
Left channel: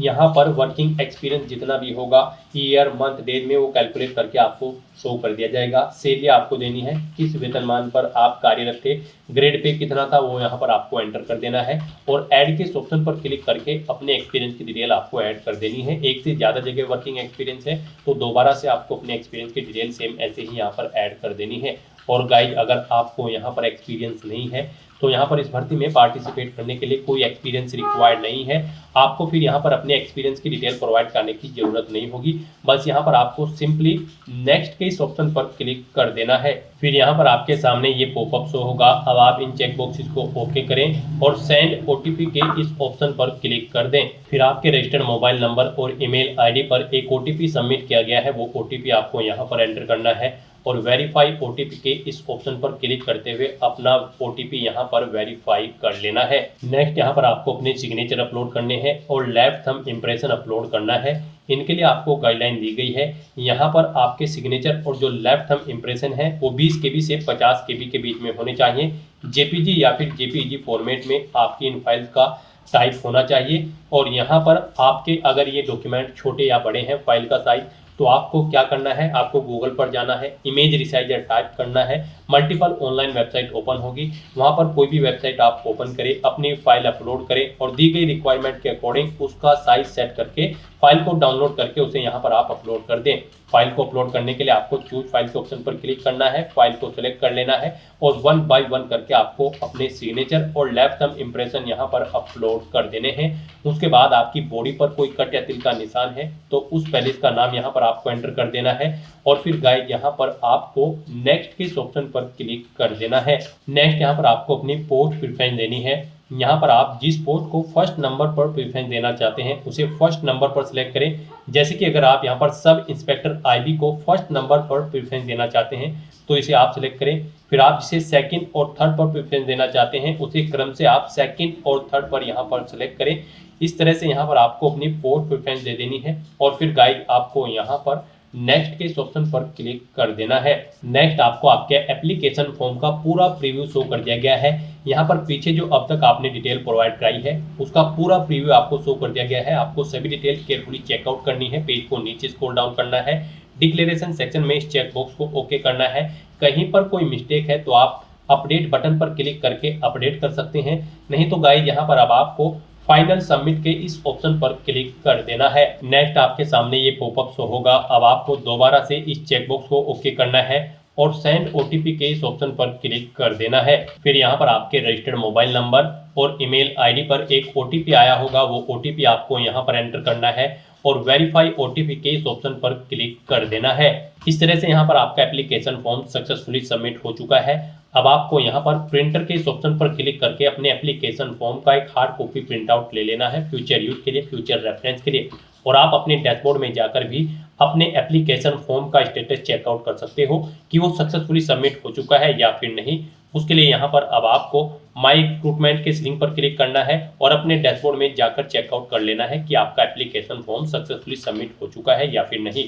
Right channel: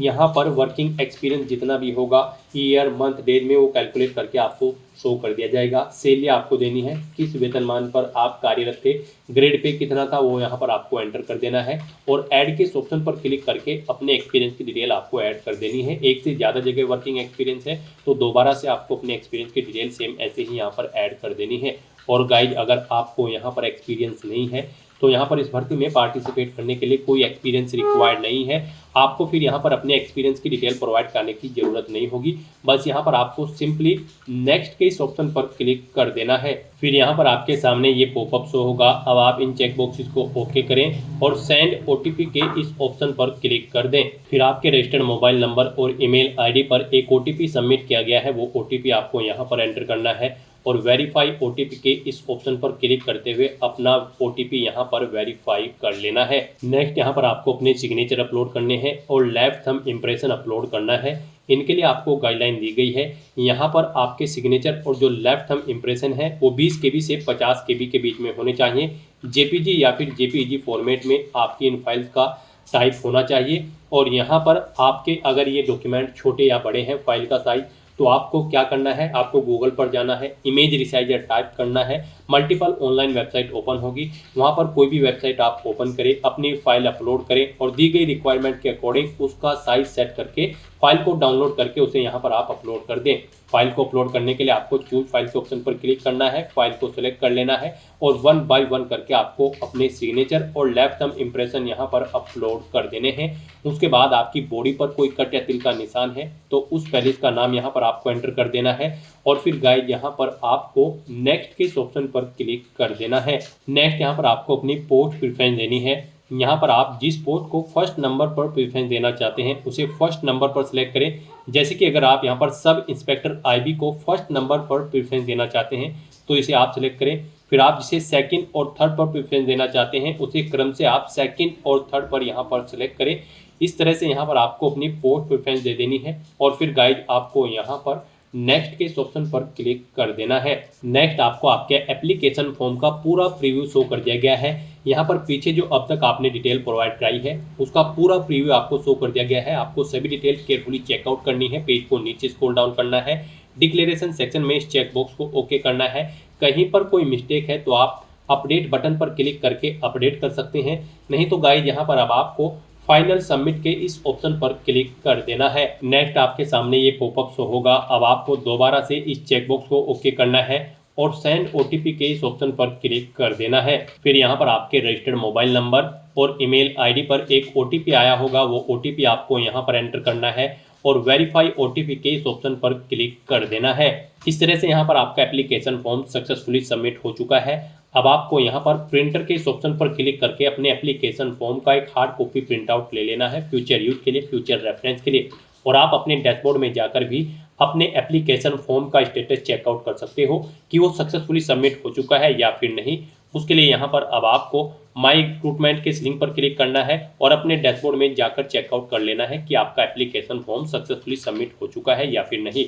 यहाँ पर वर्किंग एक्सपीरियंस जितना भी होगा ईयर मंथ डेट में वो कैलकुलेट करके आपको शो कर दिया जाएगा। सैलरी आपको देनी है, किस वेतनमान पर आप कार्यरत थे, ग्रेड पे कितना था वो यहाँ पर आपको एंटर कर देना है, और ऐड के ऑप्शन पर क्लिक करके अपने एक्सपीरियंस की डिटेल आपको ऐड कर देनी है। एक से ज़्यादा जगह वर्किंग एक्सपीरियंस है तो दोबारा से आपको अपने एक्सपीरियंस की डिटेल सेम ऐसे ही यहाँ पर ऐड कर देनी है। और गाइज अगर आपको यहाँ पर एक्सपीरियंस नहीं है तो यहाँ पर इस भर्ती में पार्टिसिपेट करने के लिए कोई एक्सपीरियंस रिक्वायर्ड नहीं है। आपको फिर यहाँ पर अपने एक्सपीरियंस की डिटेल प्रोवाइड करने की जरूरत नहीं होगी। बस यहाँ पर आपको सिंपली नेक्स्ट के इस ऑप्शन पर क्लिक कर देना है। फिर यहाँ पर आपके सामने ये पॉपअप शो होगा। अब आप इन चेक बॉक्सेस को ओके करें और सेंड ओटीपी के इस ऑप्शन पर क्लिक कर दें। फिर आपके रजिस्टर्ड मोबाइल नंबर और ईमेल आईडी पर एक ओटीपी सबमिट किया गया है, वो ओटीपी आपको यहाँ पर एंटर करना है और वेरीफाई ओटीपी के इस ऑप्शन पर क्लिक करते हुए अपना ओटीपी यहाँ पर वेरीफाई कर लेना है। नेक्स्ट यहाँ पर आपको अपने सिग्नेचर अपलोड करने हैं और लेफ्ट थंब इम्प्रेशन अपलोड करना है। इनके लिए आपको गाइडलाइन दी गई है। यहाँ पर आपके सिग्नेचर और जो लेफ्ट थंब इम्प्रेशन है वो 20 KB से 50 KB के बीच में होने चाहिए। जेपीजी या फिर जेपीईजी फॉर्मेट में आपकी इन फाइल्स का टाइप होना चाहिए। और यहाँ पर आपके अगर ये डॉक्यूमेंट छोटे या बड़े हैं फाइल का साइज, तो आपको क्या करना है, आपको गूगल पर जाना है, इमेज रिसाइजर टाइप करना है, मल्टीपल ऑनलाइन वेबसाइट ओपन होगी, वहां पर कोई भी वेबसाइट आप ओपन करें, अपनी फाइल अपलोड करें और दी गई रिक्वायरमेंट के अकॉर्डिंग उसका साइज सेट करके फाइल को डाउनलोड करके उसे यहाँ पर आप अपलोड कर दें। फाइल को अपलोड करने के लिए आपको चूज फाइल के ऑप्शन पर क्लिक करना है, फाइल को सिलेक्ट कर लेना है और 1 बाय 1 करके आपको अपने सिग्नेचर और लेफ्ट थंब इम्प्रेशन यहाँ पर अपलोड कर देने हैं। उसके बाद आपकी बॉडी पर कोई कट या तिल का निशान है तो उस पैलेस का नाम यहाँ पर आपको एंटर कर देना है और फिर गाइड यहाँ पर आपको नेक्स्ट के इस ऑप्शन पर क्लिक कर देना है। नेक्स्ट यहाँ पर आपको अपनी पोस्ट प्रेफरेंस देनी है। यहाँ पर आप जिस पोस्ट को फर्स्ट नंबर पर प्रेफरेंस देना चाहते हैं उसे फर्स्ट नंबर पर सिलेक्ट करें। जैसे कि अगर आप यहाँ पर सब इंस्पेक्टर आईबी को फर्स्ट नंबर पर प्रेफरेंस देना चाहते हैं तो इसे आप सिलेक्ट करें। फिर आप जिसे सेकंड और थर्ड पर प्रेफरेंस देना चाहते हैं उसे क्रम से आप सेकंड और थर्ड पर यहाँ पर सिलेक्ट करें। इस तरह से यहाँ पर आपको अपनी पोस्ट प्रेफरेंस दे देनी है और फिर गाइड आपको यहाँ पर नेक्स्ट के इस ऑप्शन पर क्लिक कर देना है। नेक्स्ट आपको आपके एप्लीकेशन फॉर्म का पूरा प्रीव्यू शो कर दिया गया है। यहाँ पर पीछे जो अब तक आपने डिटेल प्रोवाइड कराई है उसका पूरा प्रीव्यू आपको शो कर दिया गया है। आपको सभी डिटेल केयरफुली चेकआउट करनी है, पेज को नीचे स्क्रॉल डाउन करना है, डिक्लेरेशन सेक्शन में इस चेकबॉक्स को ओके करना है। कहीं पर कोई मिस्टेक है तो आप अपडेट बटन पर क्लिक करके अपडेट कर सकते हैं, नहीं तो गाइड यहाँ पर अब आपको फाइनल सबमिट के इस ऑप्शन पर क्लिक कर देना है। नेक्स्ट आपके सामने ये पॉपअप शो होगा। अब आपको दोबारा से इस चेकबॉक्स को ओके करना है और सेंड ओटीपी के इस ऑप्शन पर क्लिक कर देना है। फिर यहाँ पर आपके रजिस्टर्ड मोबाइल नंबर और ईमेल आईडी पर एक ओटीपी आया होगा, वो ओटीपी आपको यहाँ पर एंटर करना है और वेरीफाई ओटीपी के इस ऑप्शन पर क्लिक कर देना है। इस तरह से यहाँ पर आपका एप्लीकेशन फॉर्म सक्सेसफुली सबमिट हो चुका है। अब आपको यहाँ पर प्रिंटर के इस ऑप्शन पर क्लिक करके अपने एप्लीकेशन फॉर्म का एक हार्ड कॉपी प्रिंट आउट ले लेना है फ्यूचर यूज के लिए, फ्यूचर रेफरेंस के लिए। और आप अपने डैशबोर्ड में जाकर भी अपने एप्लीकेशन फॉर्म का स्टेटस चेकआउट कर सकते हो कि वो सक्सेसफुली सबमिट हो चुका है या फिर नहीं। उसके लिए यहाँ पर अब आपको माई रिक्रूटमेंट के लिंक पर क्लिक करना है और अपने डैशबोर्ड में जाकर चेकआउट कर लेना है कि आपका एप्लीकेशन फॉर्म सक्सेसफुली सबमिट हो चुका है या फिर नहीं।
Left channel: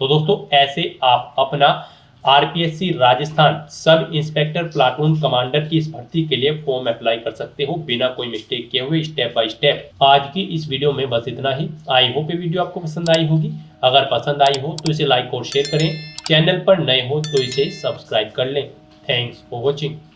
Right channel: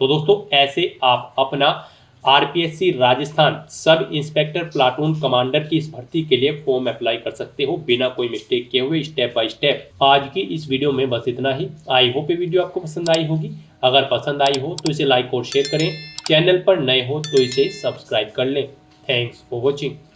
तो दोस्तों ऐसे आप अपना आरपीएससी राजस्थान सब इंस्पेक्टर प्लाटून कमांडर की इस भर्ती के लिए फॉर्म अप्लाई कर सकते हो बिना कोई मिस्टेक किए हुए, स्टेप बाय स्टेप। आज की इस वीडियो में बस इतना ही। आई होप ये वीडियो आपको पसंद आई होगी। अगर पसंद आई हो तो इसे लाइक और शेयर करें। चैनल पर नए हो तो इसे सब्सक्राइब कर लें। Thanks for watching.